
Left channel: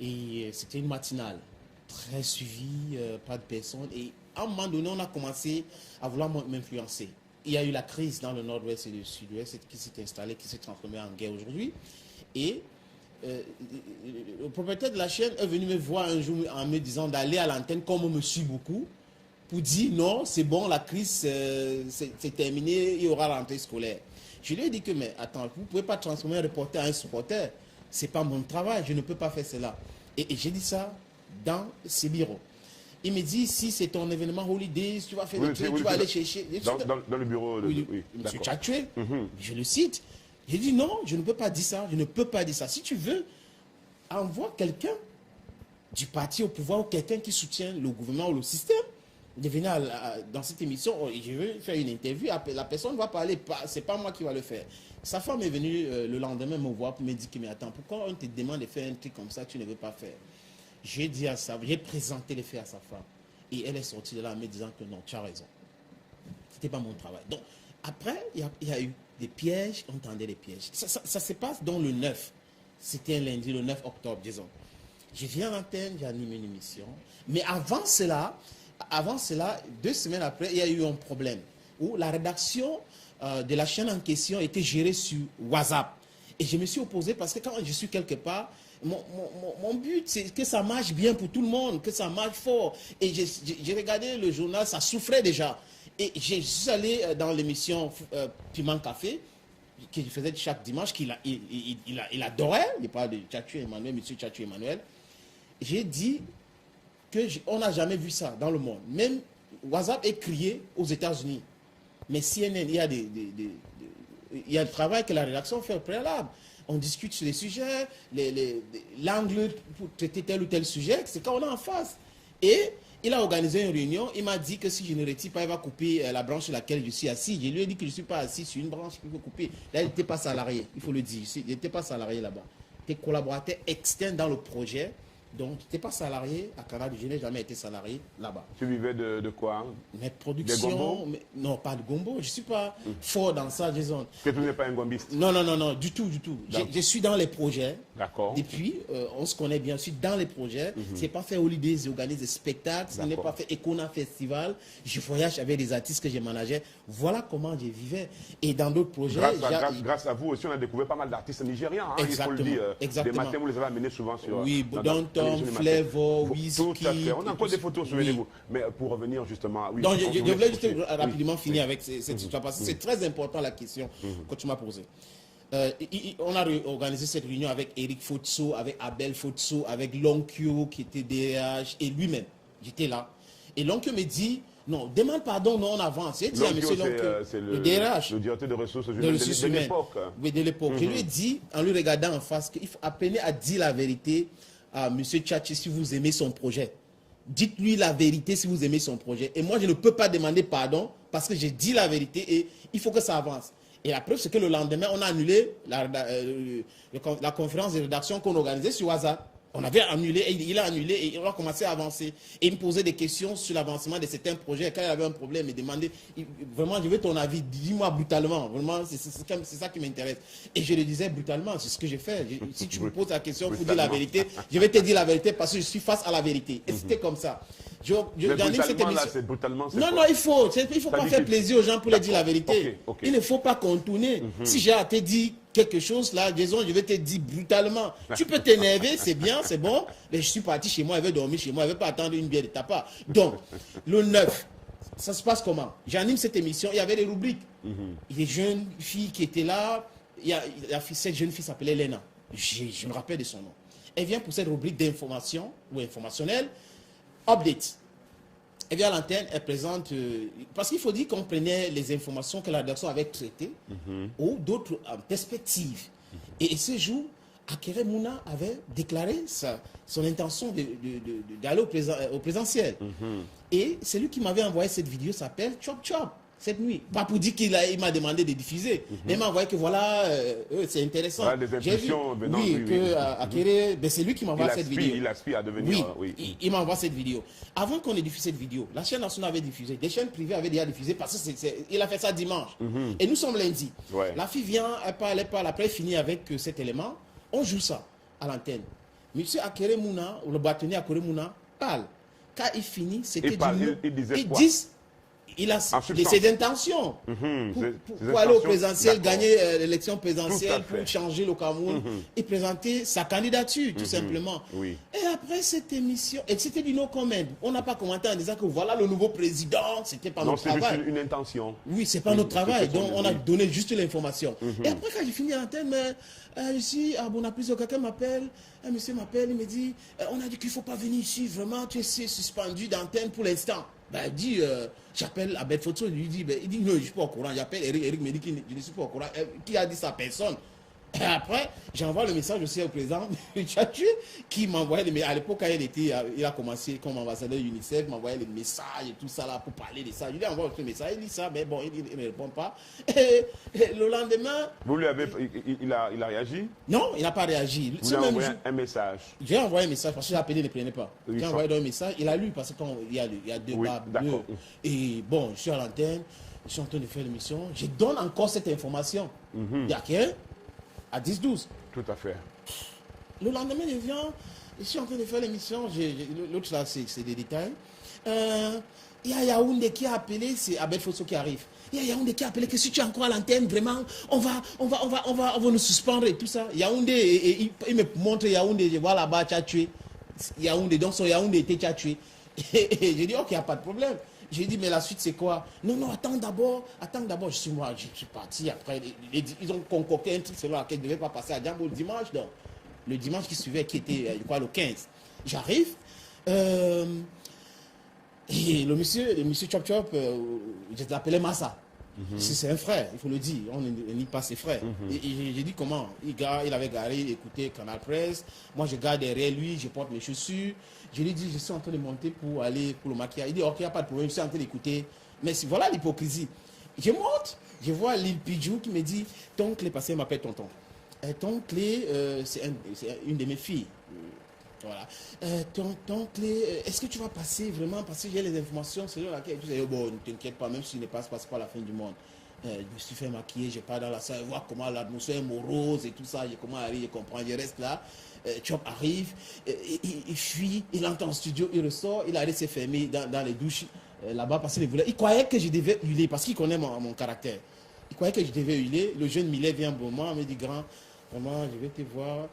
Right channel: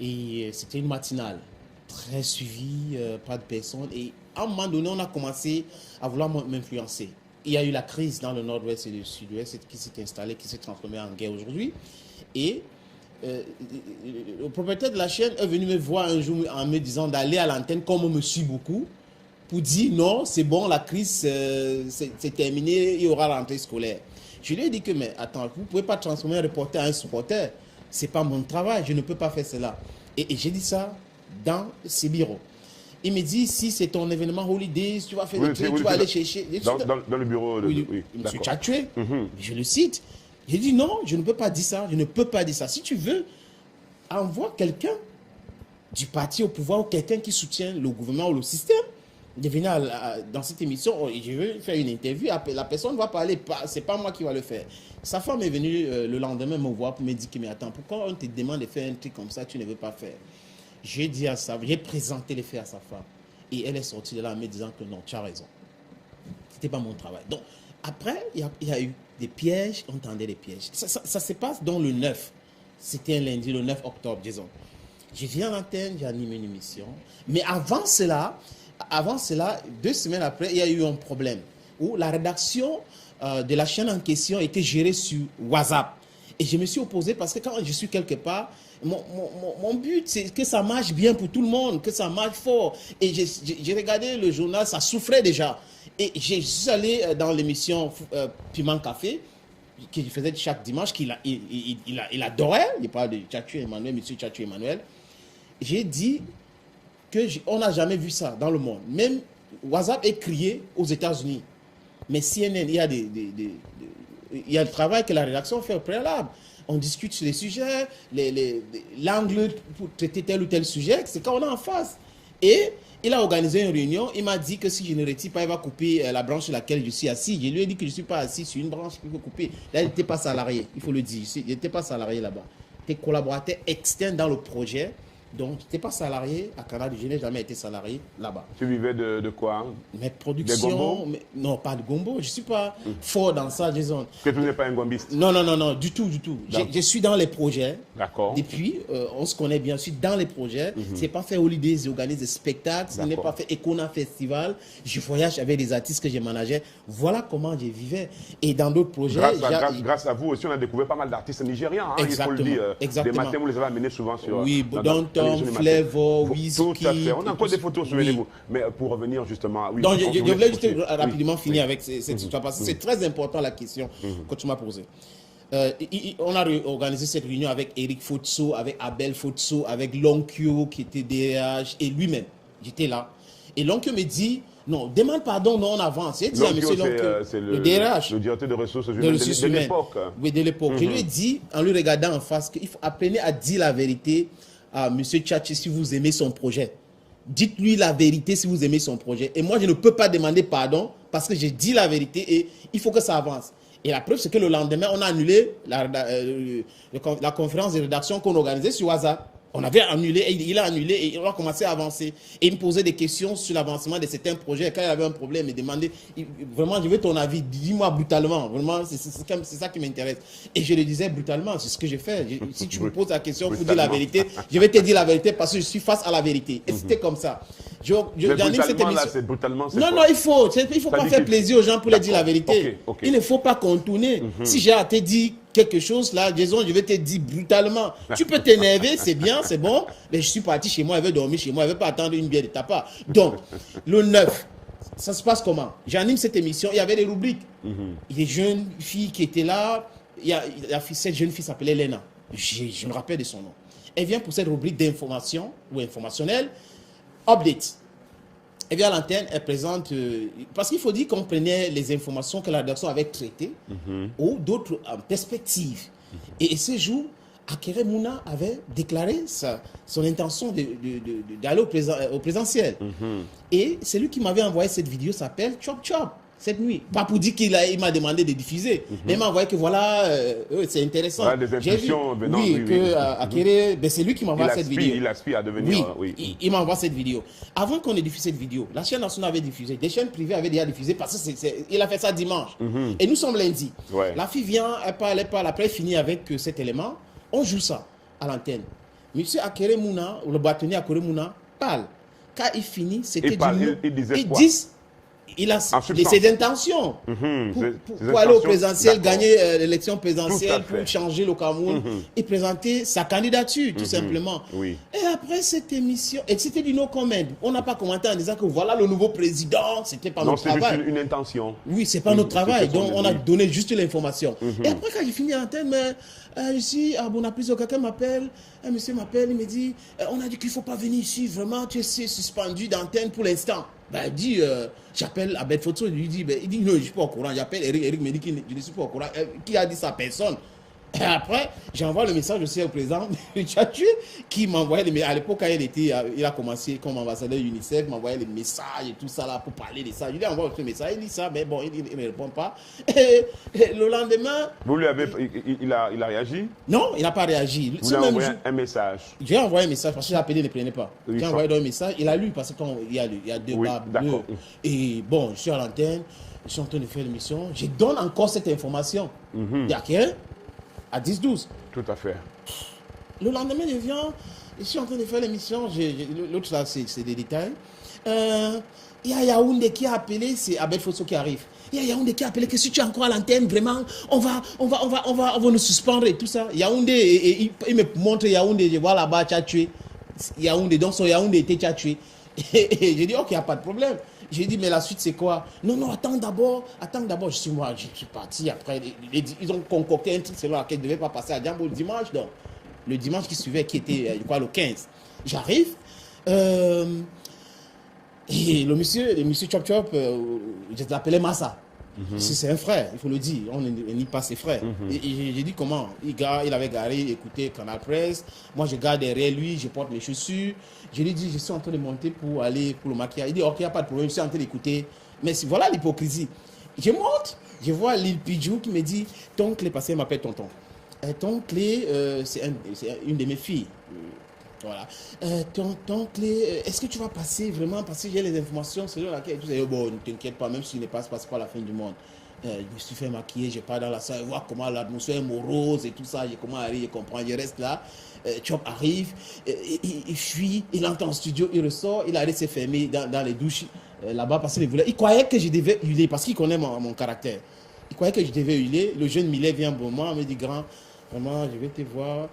Et c'était une matinale, très suivie, pas de personnes. Et à un moment donné, on a commencé à vouloir m'influencer. Il y a eu la crise dans le nord-ouest et le sud-ouest qui s'est installée, qui s'est transformée en guerre aujourd'hui. Et le propriétaire de la chaîne est venu me voir un jour en me disant d'aller à l'antenne comme on me suit beaucoup pour dire non, c'est bon, la crise c'est terminé, il y aura la rentrée scolaire. Je lui ai dit que mais attends, vous ne pouvez pas transformer un reporter en un supporter, c'est pas mon travail, je ne peux pas faire cela. Et j'ai dit ça dans ses bureaux. Il me dit si c'est ton événement Holidays, tu vas faire des trucs, tu vas aller chercher. Dans le bureau de. Oui, M. Tchatchoué, je le cite. J'ai dit non, je ne peux pas dire ça, je ne peux pas dire ça. Si tu veux, envoie quelqu'un du parti au pouvoir ou quelqu'un qui soutient le gouvernement ou le système de venir dans cette émission. Je veux faire une interview, la personne va parler, c'est pas moi qui va le faire. Sa femme est venue le lendemain me voir pour me dire que mais attends, pourquoi on te demande de faire un truc comme ça, tu ne veux pas faire? J'ai dit à ça, j'ai présenté les faits à sa femme et elle est sortie de là en me disant que non, tu as raison. C'était pas mon travail. Donc après, il y a eu des pièges, on tendait des pièges. Ça se passe dans le 9. C'était un lundi, le 9 octobre, disons. J'ai viens à l'antenne, j'ai animé une émission. Mais avant cela, 2 semaines après, il y a eu un problème où la rédaction de la chaîne en question était gérée sur WhatsApp. Et je me suis opposé parce que quand je suis quelque part, mon but, c'est que ça marche bien pour tout le monde, que ça marche fort. Et j'ai regardé le journal, ça souffrait déjà. Et je suis allé dans l'émission Piment Café, que je faisais chaque dimanche, qu'il il adorait. Il parle de Tchatchu Emmanuel, monsieur Tchatchu Emmanuel. J'ai dit qu'on n'a jamais vu ça dans le monde. Même WhatsApp est crié aux États-Unis. Mais CNN, il y a le travail que la rédaction fait au préalable. On discute sur les sujets, l'angle pour traiter tel ou tel sujet, c'est quand on est en face. Et il a organisé une réunion, il m'a dit que si je ne retire pas, il va couper la branche sur laquelle je suis assis. Je lui ai dit que je ne suis pas assis sur une branche qu'il faut couper. Là, il n'était pas salarié, il faut le dire. Il n'était pas salarié là-bas. Il était collaborateur externe dans le projet. Donc, tu n'étais pas salarié à Canada, je n'ai jamais été salarié là-bas. Tu vivais de quoi? Mes productions. Non, pas de gombo. Je ne suis pas fort dans ça, Jason. Que tu n'es pas un gombiste? Non, du tout. Je suis dans les projets. D'accord. Depuis, on se connaît bien. Je suis dans les projets. Ce n'est pas fait holidays, j'organise des spectacles. Ce n'est pas fait Econa Festival. Je voyage avec des artistes que je manageais. Voilà comment je vivais. Et dans d'autres projets. Grâce à vous aussi, on a découvert pas mal d'artistes nigérians. Hein, il faut le dire. Exactement. Des matins, vous les avez amenés souvent sur. Oui, Flavor, Whisky. Tout à fait. On a encore des photos, souvenez-vous. Mais pour revenir justement. Oui, donc, je voulais juste rapidement finir avec cette histoire parce que c'est très important la question que tu m'as posée. On a organisé cette réunion avec Eric Fotso, avec Abel Fotso, avec Lonkyo qui était DRH et lui-même. J'étais là. Et Lonkyo me dit non, demande pardon, non, on avance. J'ai dit à monsieur Lonkyo, c'est le DRH. Le directeur de ressources humaines de l'époque. Oui, de l'époque. Je lui ai dit, en lui regardant en face, qu'il faut appeler à dire la vérité à M. Tchatchu si vous aimez son projet. Dites-lui la vérité si vous aimez son projet. Et moi, je ne peux pas demander pardon parce que j'ai dit la vérité et il faut que ça avance. Et la preuve, c'est que le lendemain, on a annulé la conférence de rédaction qu'on organisait sur WhatsApp. On avait annulé, et il a annulé et on a commencé à avancer. Et il me posait des questions sur l'avancement de certains projets. Quand il y avait un problème, il me demandait, vraiment, je veux ton avis, dis-moi brutalement. Vraiment, c'est ça qui m'intéresse. Et je le disais brutalement, c'est ce que j'ai fait. Si tu me poses la question pour dire la vérité, je vais te dire la vérité parce que je suis face à la vérité. Et c'était comme ça. C'est brutalement. Non, il faut pas faire plaisir aux gens pour leur dire la vérité. Okay. Il ne faut pas contourner. Si j'ai à te dire quelque chose là, disons, je vais te dire brutalement. Tu peux t'énerver, c'est bien, c'est bon, mais je suis parti chez moi, elle veut dormir chez moi, elle ne veut pas attendre une bière de ta part. Donc, le 9, ça se passe comment? J'anime cette émission, il y avait des rubriques. Les jeunes filles qui étaient là, cette jeune fille s'appelait Lena. Je me rappelle de son nom. Elle vient pour cette rubrique d'information ou informationnelle. Update. Elle vient à l'antenne, elle présente... parce qu'il faut dire qu'on prenait les informations que la rédaction avait traitées ou d'autres perspectives. Et ce jour, Akere Mouna avait déclaré son intention d'aller au présentiel. Et celui qui m'avait envoyé cette vidéo s'appelle Chop Chop. Cette nuit. Pas pour dire qu'il m'a demandé de diffuser. Mais il m'a envoyé que voilà, c'est intéressant. Ouais, des impulsions venant. Akere, c'est lui qui m'envoie cette vidéo. Il aspire à devenir. Il m'envoie cette vidéo. Avant qu'on ait diffusé cette vidéo, la chaîne nationale avait diffusé. Des chaînes privées avaient déjà diffusé parce qu'il a fait ça dimanche. Et nous sommes lundi. La fille vient, elle parle. Après, elle finit avec cet élément. On joue ça à l'antenne. Monsieur Akere Mouna, ou le bâtonnier Akere Mouna, parle. Quand il finit, c'était il disait il a ses intentions pour aller au présidentiel, gagner l'élection présidentielle, pour changer le Cameroun et présenter sa candidature, tout simplement. Et après cette émission, et c'était du no comment. On n'a pas commenté en disant que voilà le nouveau président, c'était pas notre travail. C'est juste une intention. Oui, c'est pas notre travail, donc on a donné juste l'information. Et après, quand j'ai fini l'antenne, ici, à Bonapriso, quelqu'un m'appelle, un monsieur m'appelle, il me dit, on a dit qu'il ne faut pas venir ici, vraiment, tu es suspendu d'antenne pour l'instant. Il dit, j'appelle Abel Fotso, il lui dit, il dit, non, je ne suis pas au courant. J'appelle Eric me dit qu'il ne suis pas au courant. Qui a dit ça? Personne. Et après, j'envoie le message aussi au président Tchatchu qui m'envoyait les messages. À l'époque, quand il a commencé comme ambassadeur UNICEF, il m'envoyait les messages et tout ça là pour parler de ça. Je lui envoie le message, il lit ça, mais bon, il ne me répond pas. Et le lendemain... Vous lui avez... Il a réagi? Non, il n'a pas réagi. Vous lui avez envoyé un message? J'ai envoyé un message parce que j'ai appelé, il ne prenait pas. J'ai envoyé un message, il a lu parce qu'il y a deux barres bleues. Et bon, je suis à l'antenne, je suis en train de faire l'émission, je donne encore cette information. Il y a quelqu'un à 10-12. Tout à fait. Le lendemain, je viens, je suis en train de faire l'émission, l'autre là, c'est des détails. Il y a Yaoundé qui a appelé, c'est Abel Fosso qui arrive. Il y a Yaoundé qui a appelé que si tu es encore à l'antenne, vraiment, on va nous suspendre et tout ça. Yaoundé, il me montre Yaoundé, je vois là-bas, tu as tué. Yaoundé, donc son Yaoundé était tu as tué. Et j'ai dit, ok, il n'y a pas de problème. J'ai dit, mais la suite, c'est quoi? Non, non, attends d'abord. Je suis parti. Après, ils ont concocté un truc selon lequel ne devait pas passer à Djambo le dimanche. Donc, le dimanche qui suivait, qui était, je crois, le 15. J'arrive. Et le monsieur Chop Chop, je l'appelais Massa. C'est un frère, il faut le dire. On n'est pas ses frères. Et j'ai dit comment? Il avait garé, écouté Canal Presse. Moi, je garde derrière lui, je porte mes chaussures. Je lui ai dit, je suis en train de monter pour aller pour le maquillage. Il dit, ok, il n'y a pas de problème, je suis en train d'écouter. Mais voilà l'hypocrisie. Je monte, je vois Lil Pidjou qui me dit, ton clé, parce qu'elle m'appelle tonton. Ton clé, c'est une de mes filles. Voilà. Ton clé, est-ce que tu vas passer vraiment? Parce que j'ai les informations selon laquelle tu dis, bon, ne t'inquiète pas, même si je ne passe pas, c'est pas la fin du monde. Je me suis fait maquiller, je pars dans la salle, voir comment l'atmosphère est morose et tout ça, comment arrive, je comprends, je reste là. Chop arrive, il fuit, il entre en studio, il ressort, il allait se fermer dans les douches là-bas parce qu'il voulait. Il croyait que je devais hurler parce qu'il connaît mon caractère. Il croyait que je devais hurler. Le jeune Millet vient un bon moment, me dit, grand, vraiment, je vais te voir.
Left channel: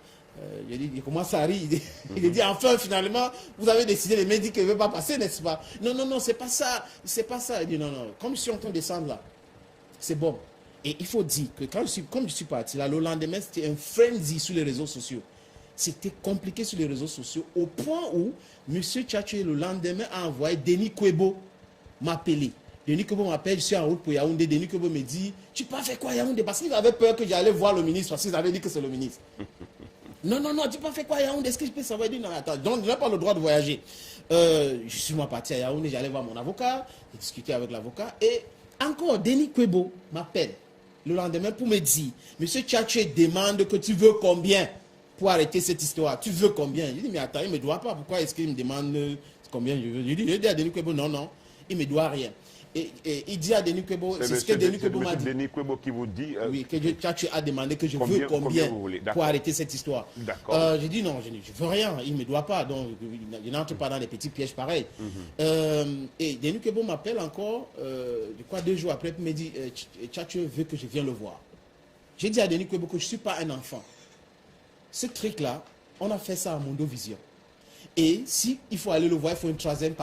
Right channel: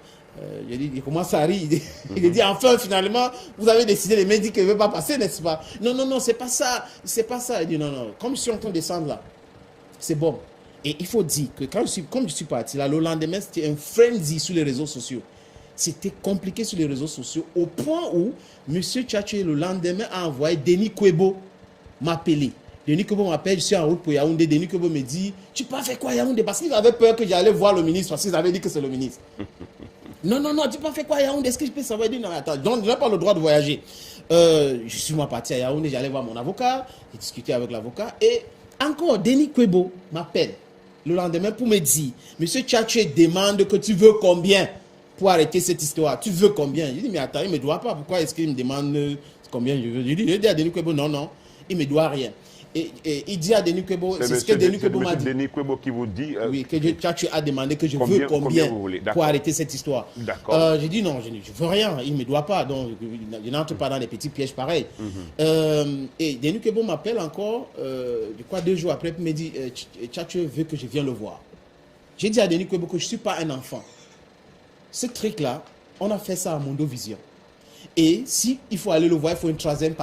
Il commence à rire. Il dit, enfin, finalement, vous avez décidé, les mecs disent qu'il ne veut pas passer, n'est-ce pas? Non, non, non, c'est pas ça. C'est pas ça. Il dit, non, non, comme je suis en train de descendre là, c'est bon. Et il faut dire que comme je suis parti là, le lendemain, c'était un frenzy sur les réseaux sociaux. C'était compliqué sur les réseaux sociaux au point où M. Tchatché, le lendemain, a envoyé Denis Kwebo m'appeler. Denis Kwebo m'appelle, je suis en route pour Yaoundé. Denis Kwebo me dit, tu peux faire quoi Yaoundé? Parce qu'il avait peur que j'allais voir le ministre, parce qu'ils avaient dit que c'est le ministre. Non, non, non, tu peux faire quoi à Yaoundé? Est-ce que je peux savoir? Il dit, non, attends, donc je n'ai pas le droit de voyager. Je suis moi parti à Yaoundé, j'allais voir mon avocat, j'ai discuté avec l'avocat, et encore, Denis Kwebo m'appelle le lendemain pour me dire, Monsieur Tchatché demande que tu veux combien pour arrêter cette histoire? Tu veux combien? Je dis, mais attends, il ne me doit pas, pourquoi est-ce qu'il me demande combien je veux? Je dis à Denis Kwebo, non, non, il ne me doit rien. Et il dit à Denis Kwebo, c'est ce que Denis Kwebo m'a dit. Denis Kwebo qui vous dit... oui, que Tchatché a demandé que je veux combien pour arrêter cette histoire. D'accord. J'ai dit non, je ne veux rien, il ne me doit pas, donc je n'entre pas dans les petits pièges pareils. Et Denis Kwebo m'appelle encore, je crois 2 jours après, il me dit, Tchatché veut que je vienne le voir. J'ai dit à Denis Kwebo que je ne suis pas un enfant. Ce truc-là, on a fait ça à Mondo Vision. Et si il faut aller le voir, il faut une 3e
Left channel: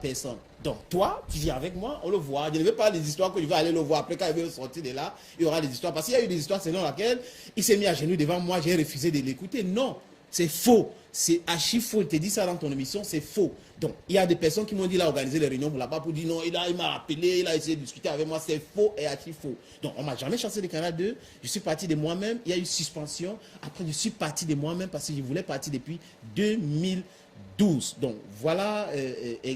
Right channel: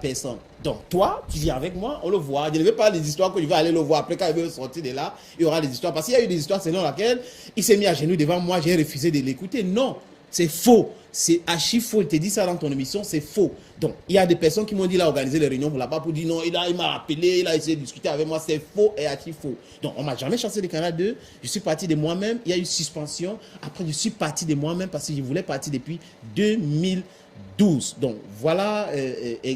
personne. Donc toi, tu viens avec moi, on le voit. Je ne veux pas les histoires que je vais aller le voir. Après, quand il veut sortir de là, il y aura des histoires. Parce qu'il y a eu des histoires selon lesquelles il s'est mis à genoux devant moi, j'ai refusé de l'écouter. Non, c'est faux. C'est archi faux. Il te dit ça dans ton émission, c'est faux. Donc, il y a des personnes qui m'ont dit, il a organisé les réunions pour là-bas pour dire non, il m'a appelé, il a essayé de discuter avec moi, c'est faux et archi faux. Donc, on ne m'a jamais chassé de Canal 2. Je suis parti de moi-même. Il y a eu suspension. Après, je suis parti de moi-même parce que je voulais partir depuis 2012. Donc, voilà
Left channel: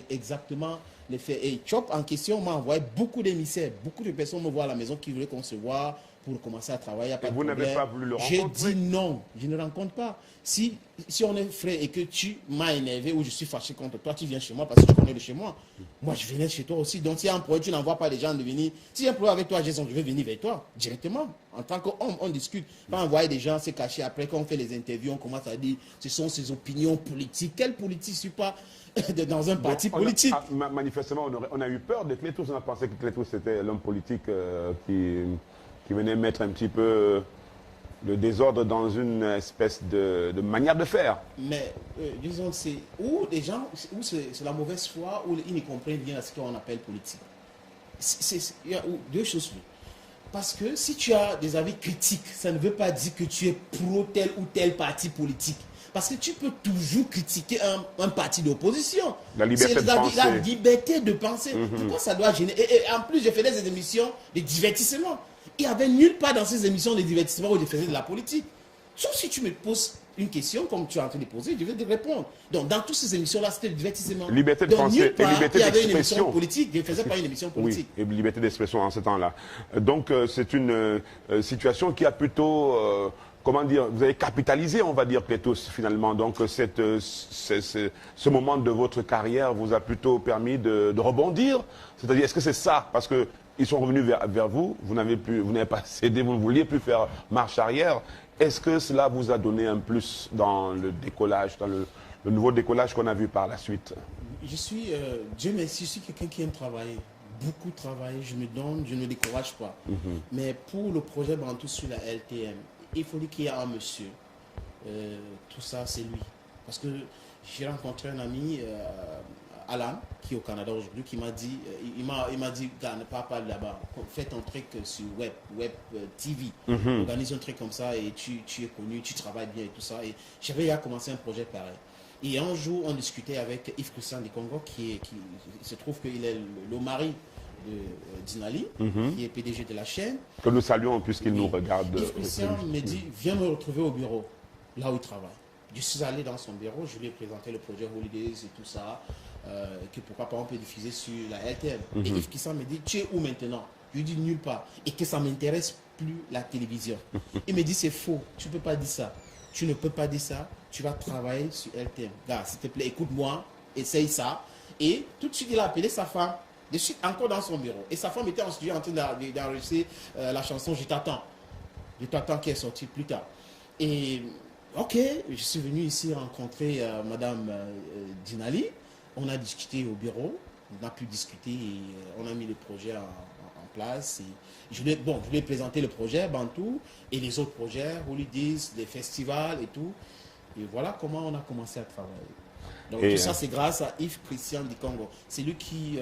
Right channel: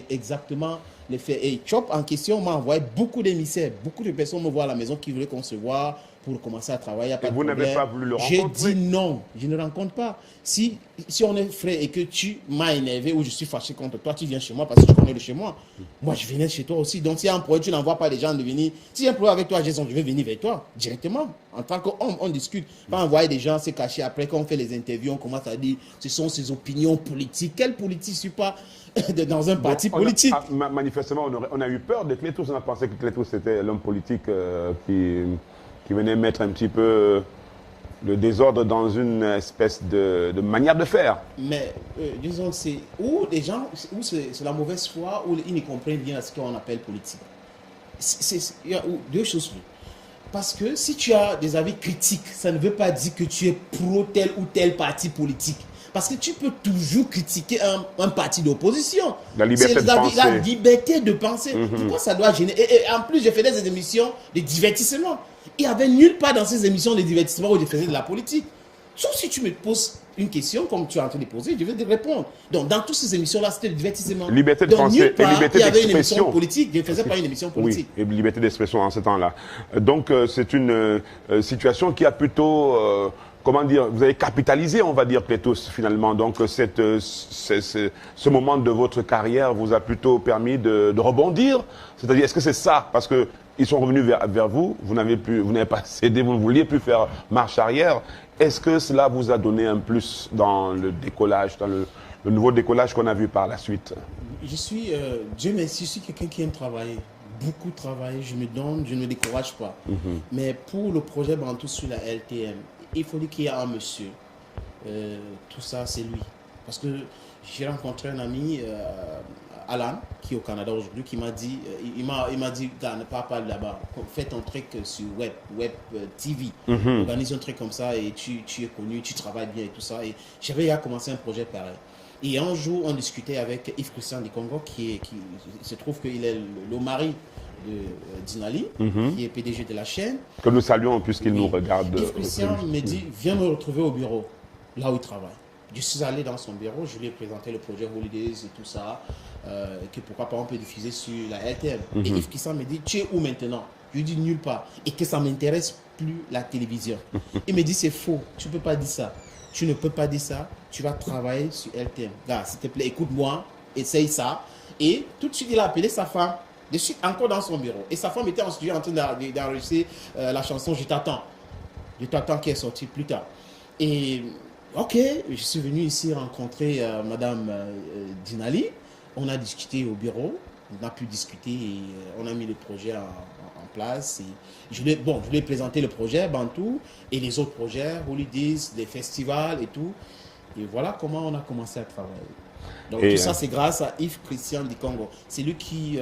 exactement les faits. Et Chop en question m'a envoyé beaucoup d'émissaires. Beaucoup de personnes me voient à la maison qui voulaient qu'on se voit pour commencer à travailler. Et vous n'avez pas voulu le rencontrer? rencontrer? J'ai dit non, je ne rencontre pas. Si on est frère et que tu m'as énervé ou je suis fâché contre toi, tu viens chez moi parce que tu connais le chez moi. Moi, je venais chez toi aussi. Donc, s'il y a un problème, tu n'envoies pas les gens de venir. S'il y a un problème avec toi, je vais venir vers toi directement. En tant qu'homme, on discute. Pas envoyer des gens se cacher. Après, quand on fait les interviews, on commence à dire ce sont ses opinions politiques. Quelle politique? Je ne suis pas dans un parti politique. Manifestement, on a eu peur de Clétous. On a pensé que Clétous c'était l'homme politique qui venait mettre un petit peu le désordre dans une espèce de manière de faire. Mais disons, c'est où les gens, où c'est la mauvaise foi, où ils ne comprennent bien ce qu'on appelle politique. Il y a 2 choses. Parce que si tu as des avis critiques, ça ne veut pas dire que tu es pro tel ou tel parti politique. Parce que tu peux toujours critiquer un parti d'opposition. La liberté de penser. La liberté de penser. Pourquoi ça doit gêner? Et en plus, je faisais des émissions de divertissement. Il n'y avait nulle part dans ces émissions de divertissement où je faisais de la politique. Sauf si tu me poses une question, comme tu es en train de poser, je vais te répondre. Donc, dans toutes ces émissions-là, c'était le divertissement. Liberté de penser et liberté d'expression. Il y avait une émission politique, je ne faisais pas une émission politique. Oui, et liberté d'expression en ce temps-là. Donc, c'est une situation qui a plutôt... comment dire, vous avez capitalisé, on va dire, Clétous, finalement. Donc, ce moment de votre carrière vous a plutôt permis de rebondir. C'est-à-dire, est-ce que c'est ça? Parce que ils sont revenus vers vous, vous n'avez pas cédé, vous ne vouliez plus faire marche arrière. Est-ce que cela vous a donné un plus dans le décollage, dans le nouveau décollage qu'on a vu par la suite? Je suis, Dieu merci, je suis quelqu'un qui aime travailler. beaucoup travaillé, je me donne, je ne me décourage pas. Mais pour le projet Bantou sur la LTM, il faut dire qu'il y a un monsieur. Tout ça, c'est lui. Parce que j'ai rencontré un ami, Alan, qui est au Canada aujourd'hui, qui m'a dit, il m'a dit, gars, ne pars pas là-bas, fais ton truc sur web TV, organise un truc comme ça et tu es connu, tu travailles bien et tout ça. Et j'avais commencé un projet pareil. Et un jour, on discutait avec Yves Christian du Congo, qui se trouve qu'il est le mari de Dinali, qui est PDG de la chaîne. Que nous saluons puisqu'il nous regarde. Yves Christian me dit, viens me retrouver au bureau, là où il travaille. Je suis allé dans son bureau, je lui ai présenté le projet Holidays et tout ça, que pourquoi pas on peut diffuser sur la LTM. Et Yves Christian me dit, tu es où maintenant? Je lui dis nulle part. Et que ça ne m'intéresse plus la télévision. Il me dit, c'est faux, tu ne peux pas dire ça. Tu ne peux pas dire ça, tu vas travailler sur LTM. Gars, s'il te plaît, écoute-moi, essaye ça. Et tout de suite, il a appelé sa femme, de suite encore dans son bureau. Et sa femme était en studio en train d'enregistrer la chanson Je t'attends. Je t'attends qui est sortie plus tard. Et ok, je suis venu ici rencontrer Madame Dinali. On a discuté au bureau, on a pu discuter et on a mis le projet en place. Et je lui ai présenté le projet Bantou et les autres projets, Holidays, les festivals et tout. Et voilà comment on a commencé à travailler. Donc tout ça, c'est grâce à Yves Christian du Congo. C'est lui qui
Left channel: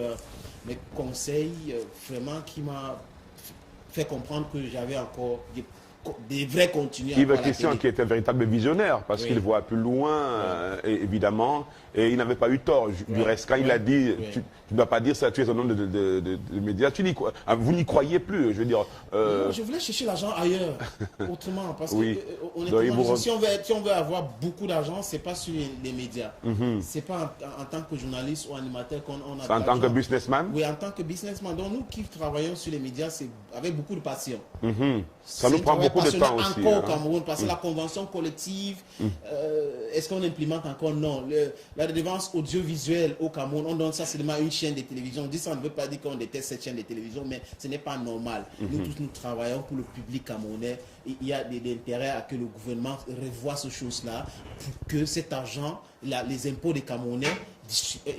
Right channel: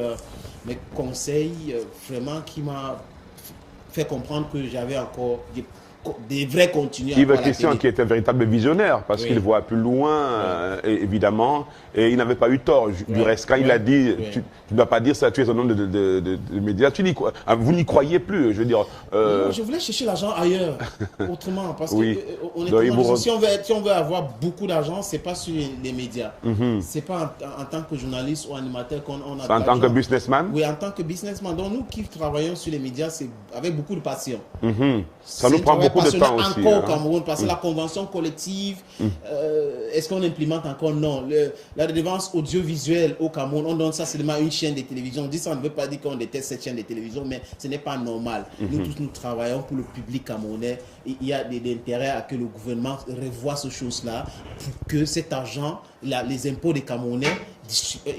me conseille, vraiment, qui m'a fait comprendre que j'avais encore des vrais contenus. Yves Christian qui est un véritable visionnaire parce qu'il voit plus loin, évidemment, et il n'avait pas eu tort. Du reste, quand il a dit, tu ne dois pas dire ça, tu es un homme de médias, vous n'y croyez plus, je veux dire. Non, je voulais chercher l'argent ailleurs, autrement, parce que honnêtement, si on veut avoir beaucoup d'argent, c'est pas sur les médias. C'est pas en tant que journaliste ou animateur qu'on a. En tant que businessman? Oui, en tant que businessman. Donc nous qui travaillons sur les médias, c'est avec beaucoup de passion. Ça nous prend beaucoup de temps aussi. Encore au Cameroun, parce que la convention collective, est-ce qu'on implémente encore? Non. La redevance audiovisuelle au Cameroun, on donne ça seulement à une chaîne de télévision. On dit ça ne veut pas dire qu'on déteste cette chaîne de télévision, mais ce n'est pas normal. Nous tous, nous travaillons pour le public camerounais. Et il y a des intérêts à que le gouvernement revoie ces choses-là pour que cet argent, les impôts des Camerounais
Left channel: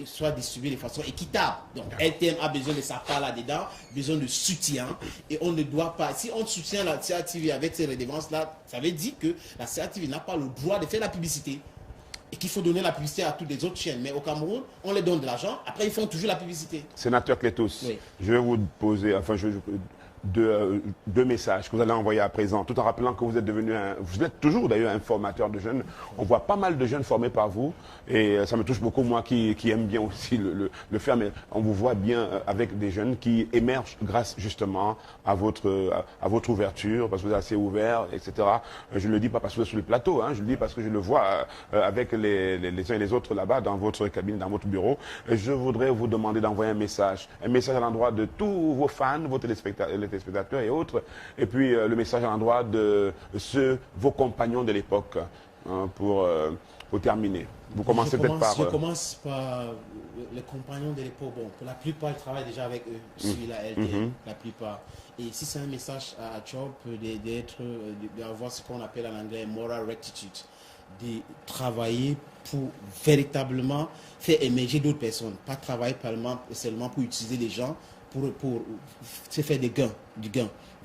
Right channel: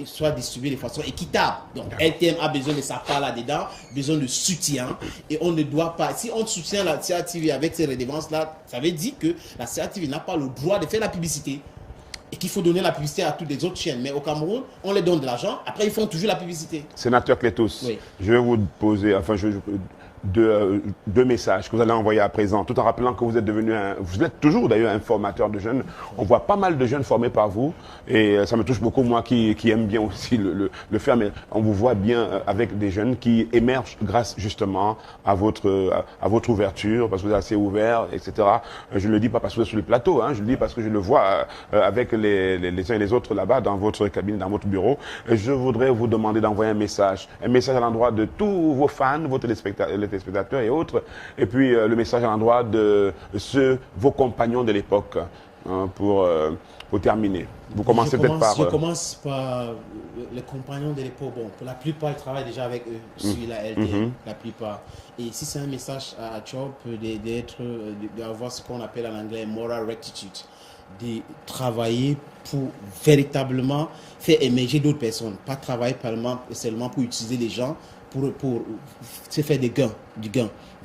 soient distribués de façon équitable. Donc, LTM a besoin de sa part là-dedans, besoin de soutien. Et on ne doit pas, si on soutient la CATV avec ces redevances-là, ça veut dire que la CATV n'a pas le droit de faire la publicité. Et qu'il faut donner la publicité à toutes les autres chaînes. Mais au Cameroun, on les donne de l'argent, après ils font toujours la publicité. Sénateur Clétus, je vais vous poser, deux messages que vous allez envoyer à présent, tout en rappelant que vous êtes devenu vous êtes toujours d'ailleurs un formateur de jeunes. On voit pas mal de jeunes formés par vous et ça me touche beaucoup, moi qui aime bien aussi le faire, mais on vous voit bien avec des jeunes qui émergent grâce justement à votre ouverture, parce que vous êtes assez ouvert, etc. Je ne le dis pas parce que vous êtes sur le plateau, je le dis parce que je le vois avec les uns et les autres là-bas dans votre cabinet, dans votre bureau. Je voudrais vous demander d'envoyer un message à l'endroit de tous vos fans, vos téléspectateurs et autres, et puis le message à l'endroit de vos compagnons de l'époque, pour terminer. Vous commencez peut-être par... Je commence par les compagnons de l'époque. Bon, pour la plupart, ils travaillent déjà avec eux sur la LTM, la plupart. Et si c'est un message à Job, d'avoir ce qu'on appelle en anglais moral rectitude, de travailler pour véritablement faire émerger d'autres personnes, pas travailler seulement pour utiliser les gens, pour se faire du gain.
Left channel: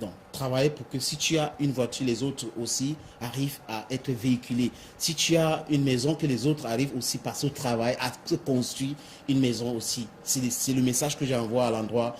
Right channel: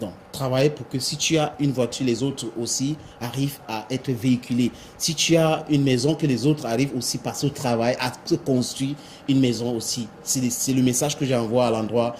Donc, travailler pour que si tu as une voiture, les autres aussi arrivent à être véhiculés. Si tu as une maison, que les autres arrivent aussi à passer au travail, à se construire une maison aussi. C'est le message que j'envoie à l'endroit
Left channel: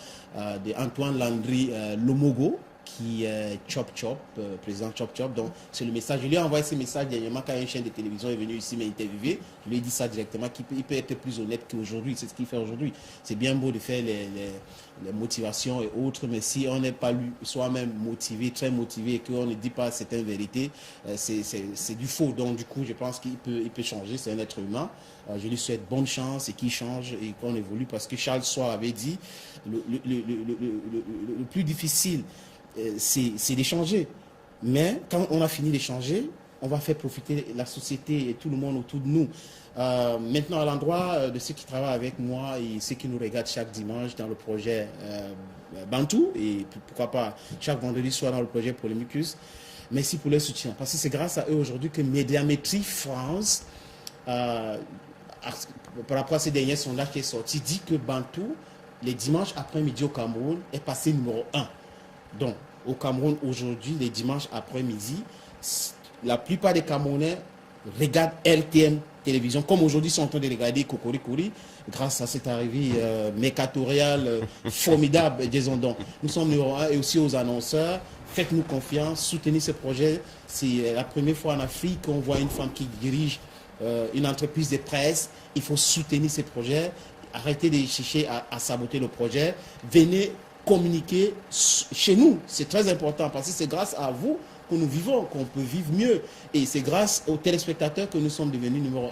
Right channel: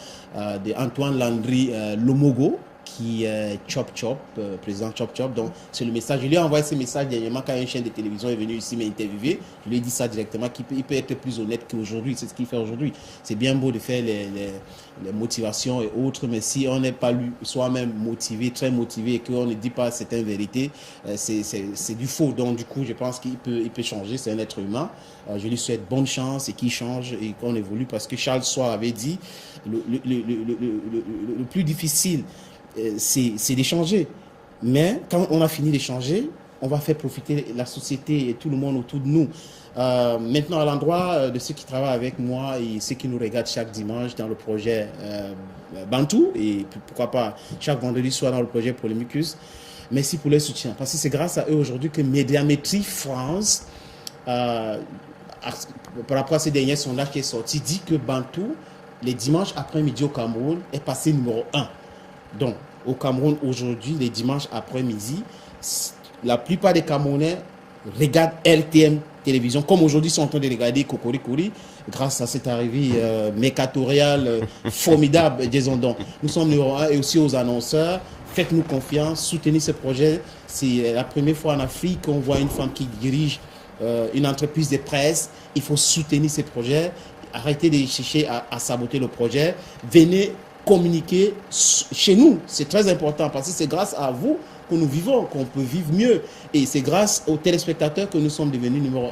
d'Antoine Landry Lomogo, qui est Chop Chop, président Chop Chop. Donc, c'est le message. Je lui ai envoyé ce message dernièrement quand une chaîne de télévision est venue ici m'interviewer. Je lui ai dit ça directement, qu'il peut être plus honnête qu'aujourd'hui. C'est ce qu'il fait aujourd'hui. C'est bien beau de faire les motivations et autres, mais si on n'est pas soi-même motivé, très motivé, et qu'on ne dit pas certaines vérités, c'est du faux. Donc, du coup, je pense qu'il peut changer. C'est un être humain. Je lui souhaite bonne chance et qu'il change et qu'on évolue, parce que Charles Soir avait dit le plus difficile, c'est d'échanger. Mais quand on a fini d'échanger, on va faire profiter la société et tout le monde autour de nous. Maintenant, à l'endroit de ceux qui travaillent avec moi et ceux qui nous regardent chaque dimanche dans le projet Bantou, et pourquoi pas chaque vendredi soir dans le projet Polémicus, merci pour leur soutien. Parce que c'est grâce à eux aujourd'hui que Médiamétrie France, par rapport à ces derniers sondages qui est sorti, dit que Bantou les dimanches après-midi au Cameroun est passé numéro 1. Donc, au Cameroun, aujourd'hui, les dimanches après-midi, la plupart des Camerounais regardent RTM Télévision, comme aujourd'hui, ils sont en train de regarder Cocoricouri, grâce à cette arrivée mécatoriale formidable, disons donc. Nous sommes numéro 1 et aussi aux annonceurs. Faites-nous confiance, soutenez ce projet. C'est la première fois en Afrique qu'on voit une femme qui dirige une entreprise de presse. Il faut soutenir ces projets. Arrêtez de chercher à saboter le projet. Venez communiquer chez nous. C'est très important parce que c'est grâce à vous que nous vivons, qu'on peut vivre mieux. Et c'est grâce aux téléspectateurs que nous sommes devenus numéro 1.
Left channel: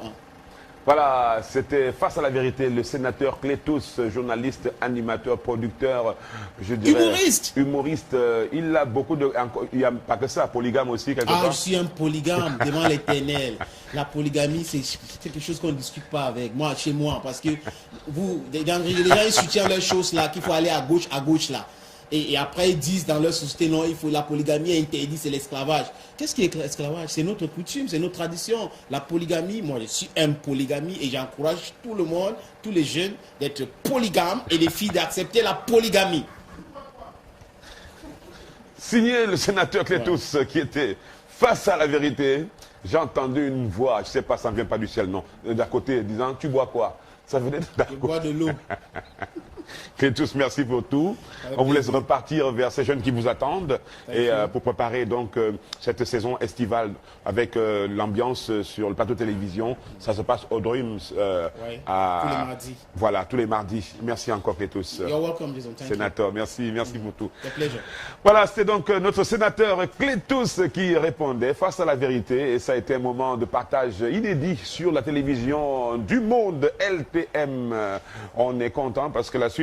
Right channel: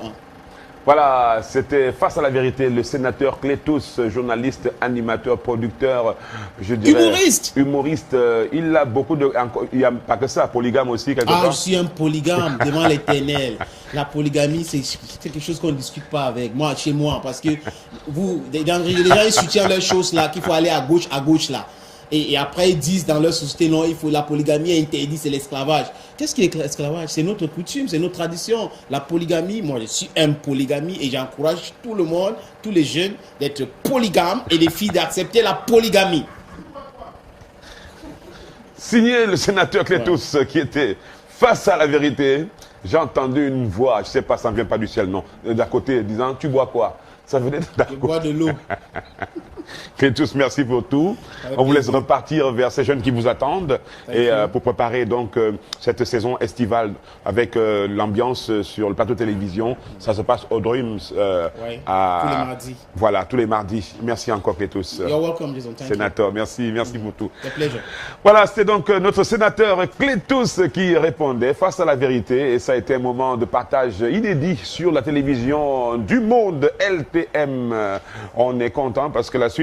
Voilà, c'était Face à la vérité, le sénateur Clétous, journaliste, animateur, producteur, je dirais... Humoriste. Il a beaucoup de... Il n'y a pas que ça, polygame aussi, quelque part. Je suis un polygame, devant l'éternel. La polygamie, c'est quelque chose qu'on ne discute pas avec moi, chez moi, parce que les gens, ils soutiennent leurs choses là, qu'il faut aller à gauche là. Et après, ils disent dans leur société, non, il faut la polygamie est interdite, c'est l'esclavage. Qu'est-ce qui est l'esclavage? C'est notre coutume, c'est notre tradition. La polygamie, moi, je suis un polygamie et j'encourage tout le monde, tous les jeunes, d'être polygames et les filles d'accepter la polygamie. Signé le sénateur Clétous, qui était face à la vérité. J'ai entendu une voix, je ne sais pas, ça ne vient pas du ciel, non, d'à côté, disant, tu bois quoi? Ça venait Je bois de l'eau. Clétous, merci pour tout. On vous laisse repartir vers ces jeunes qui vous attendent et pour préparer donc cette saison estivale avec l'ambiance sur le plateau de télévision. Ça se passe au Dreams tous les mardis. Voilà, tous les mardis. Merci encore Clétous. You're welcome, Jason. Sénateur, merci pour tout. C'est plaisir. Voilà, c'était donc notre sénateur Clétous qui répondait face à la vérité et ça a été un moment de partage inédit sur la télévision du monde LTM. On est content parce que la suite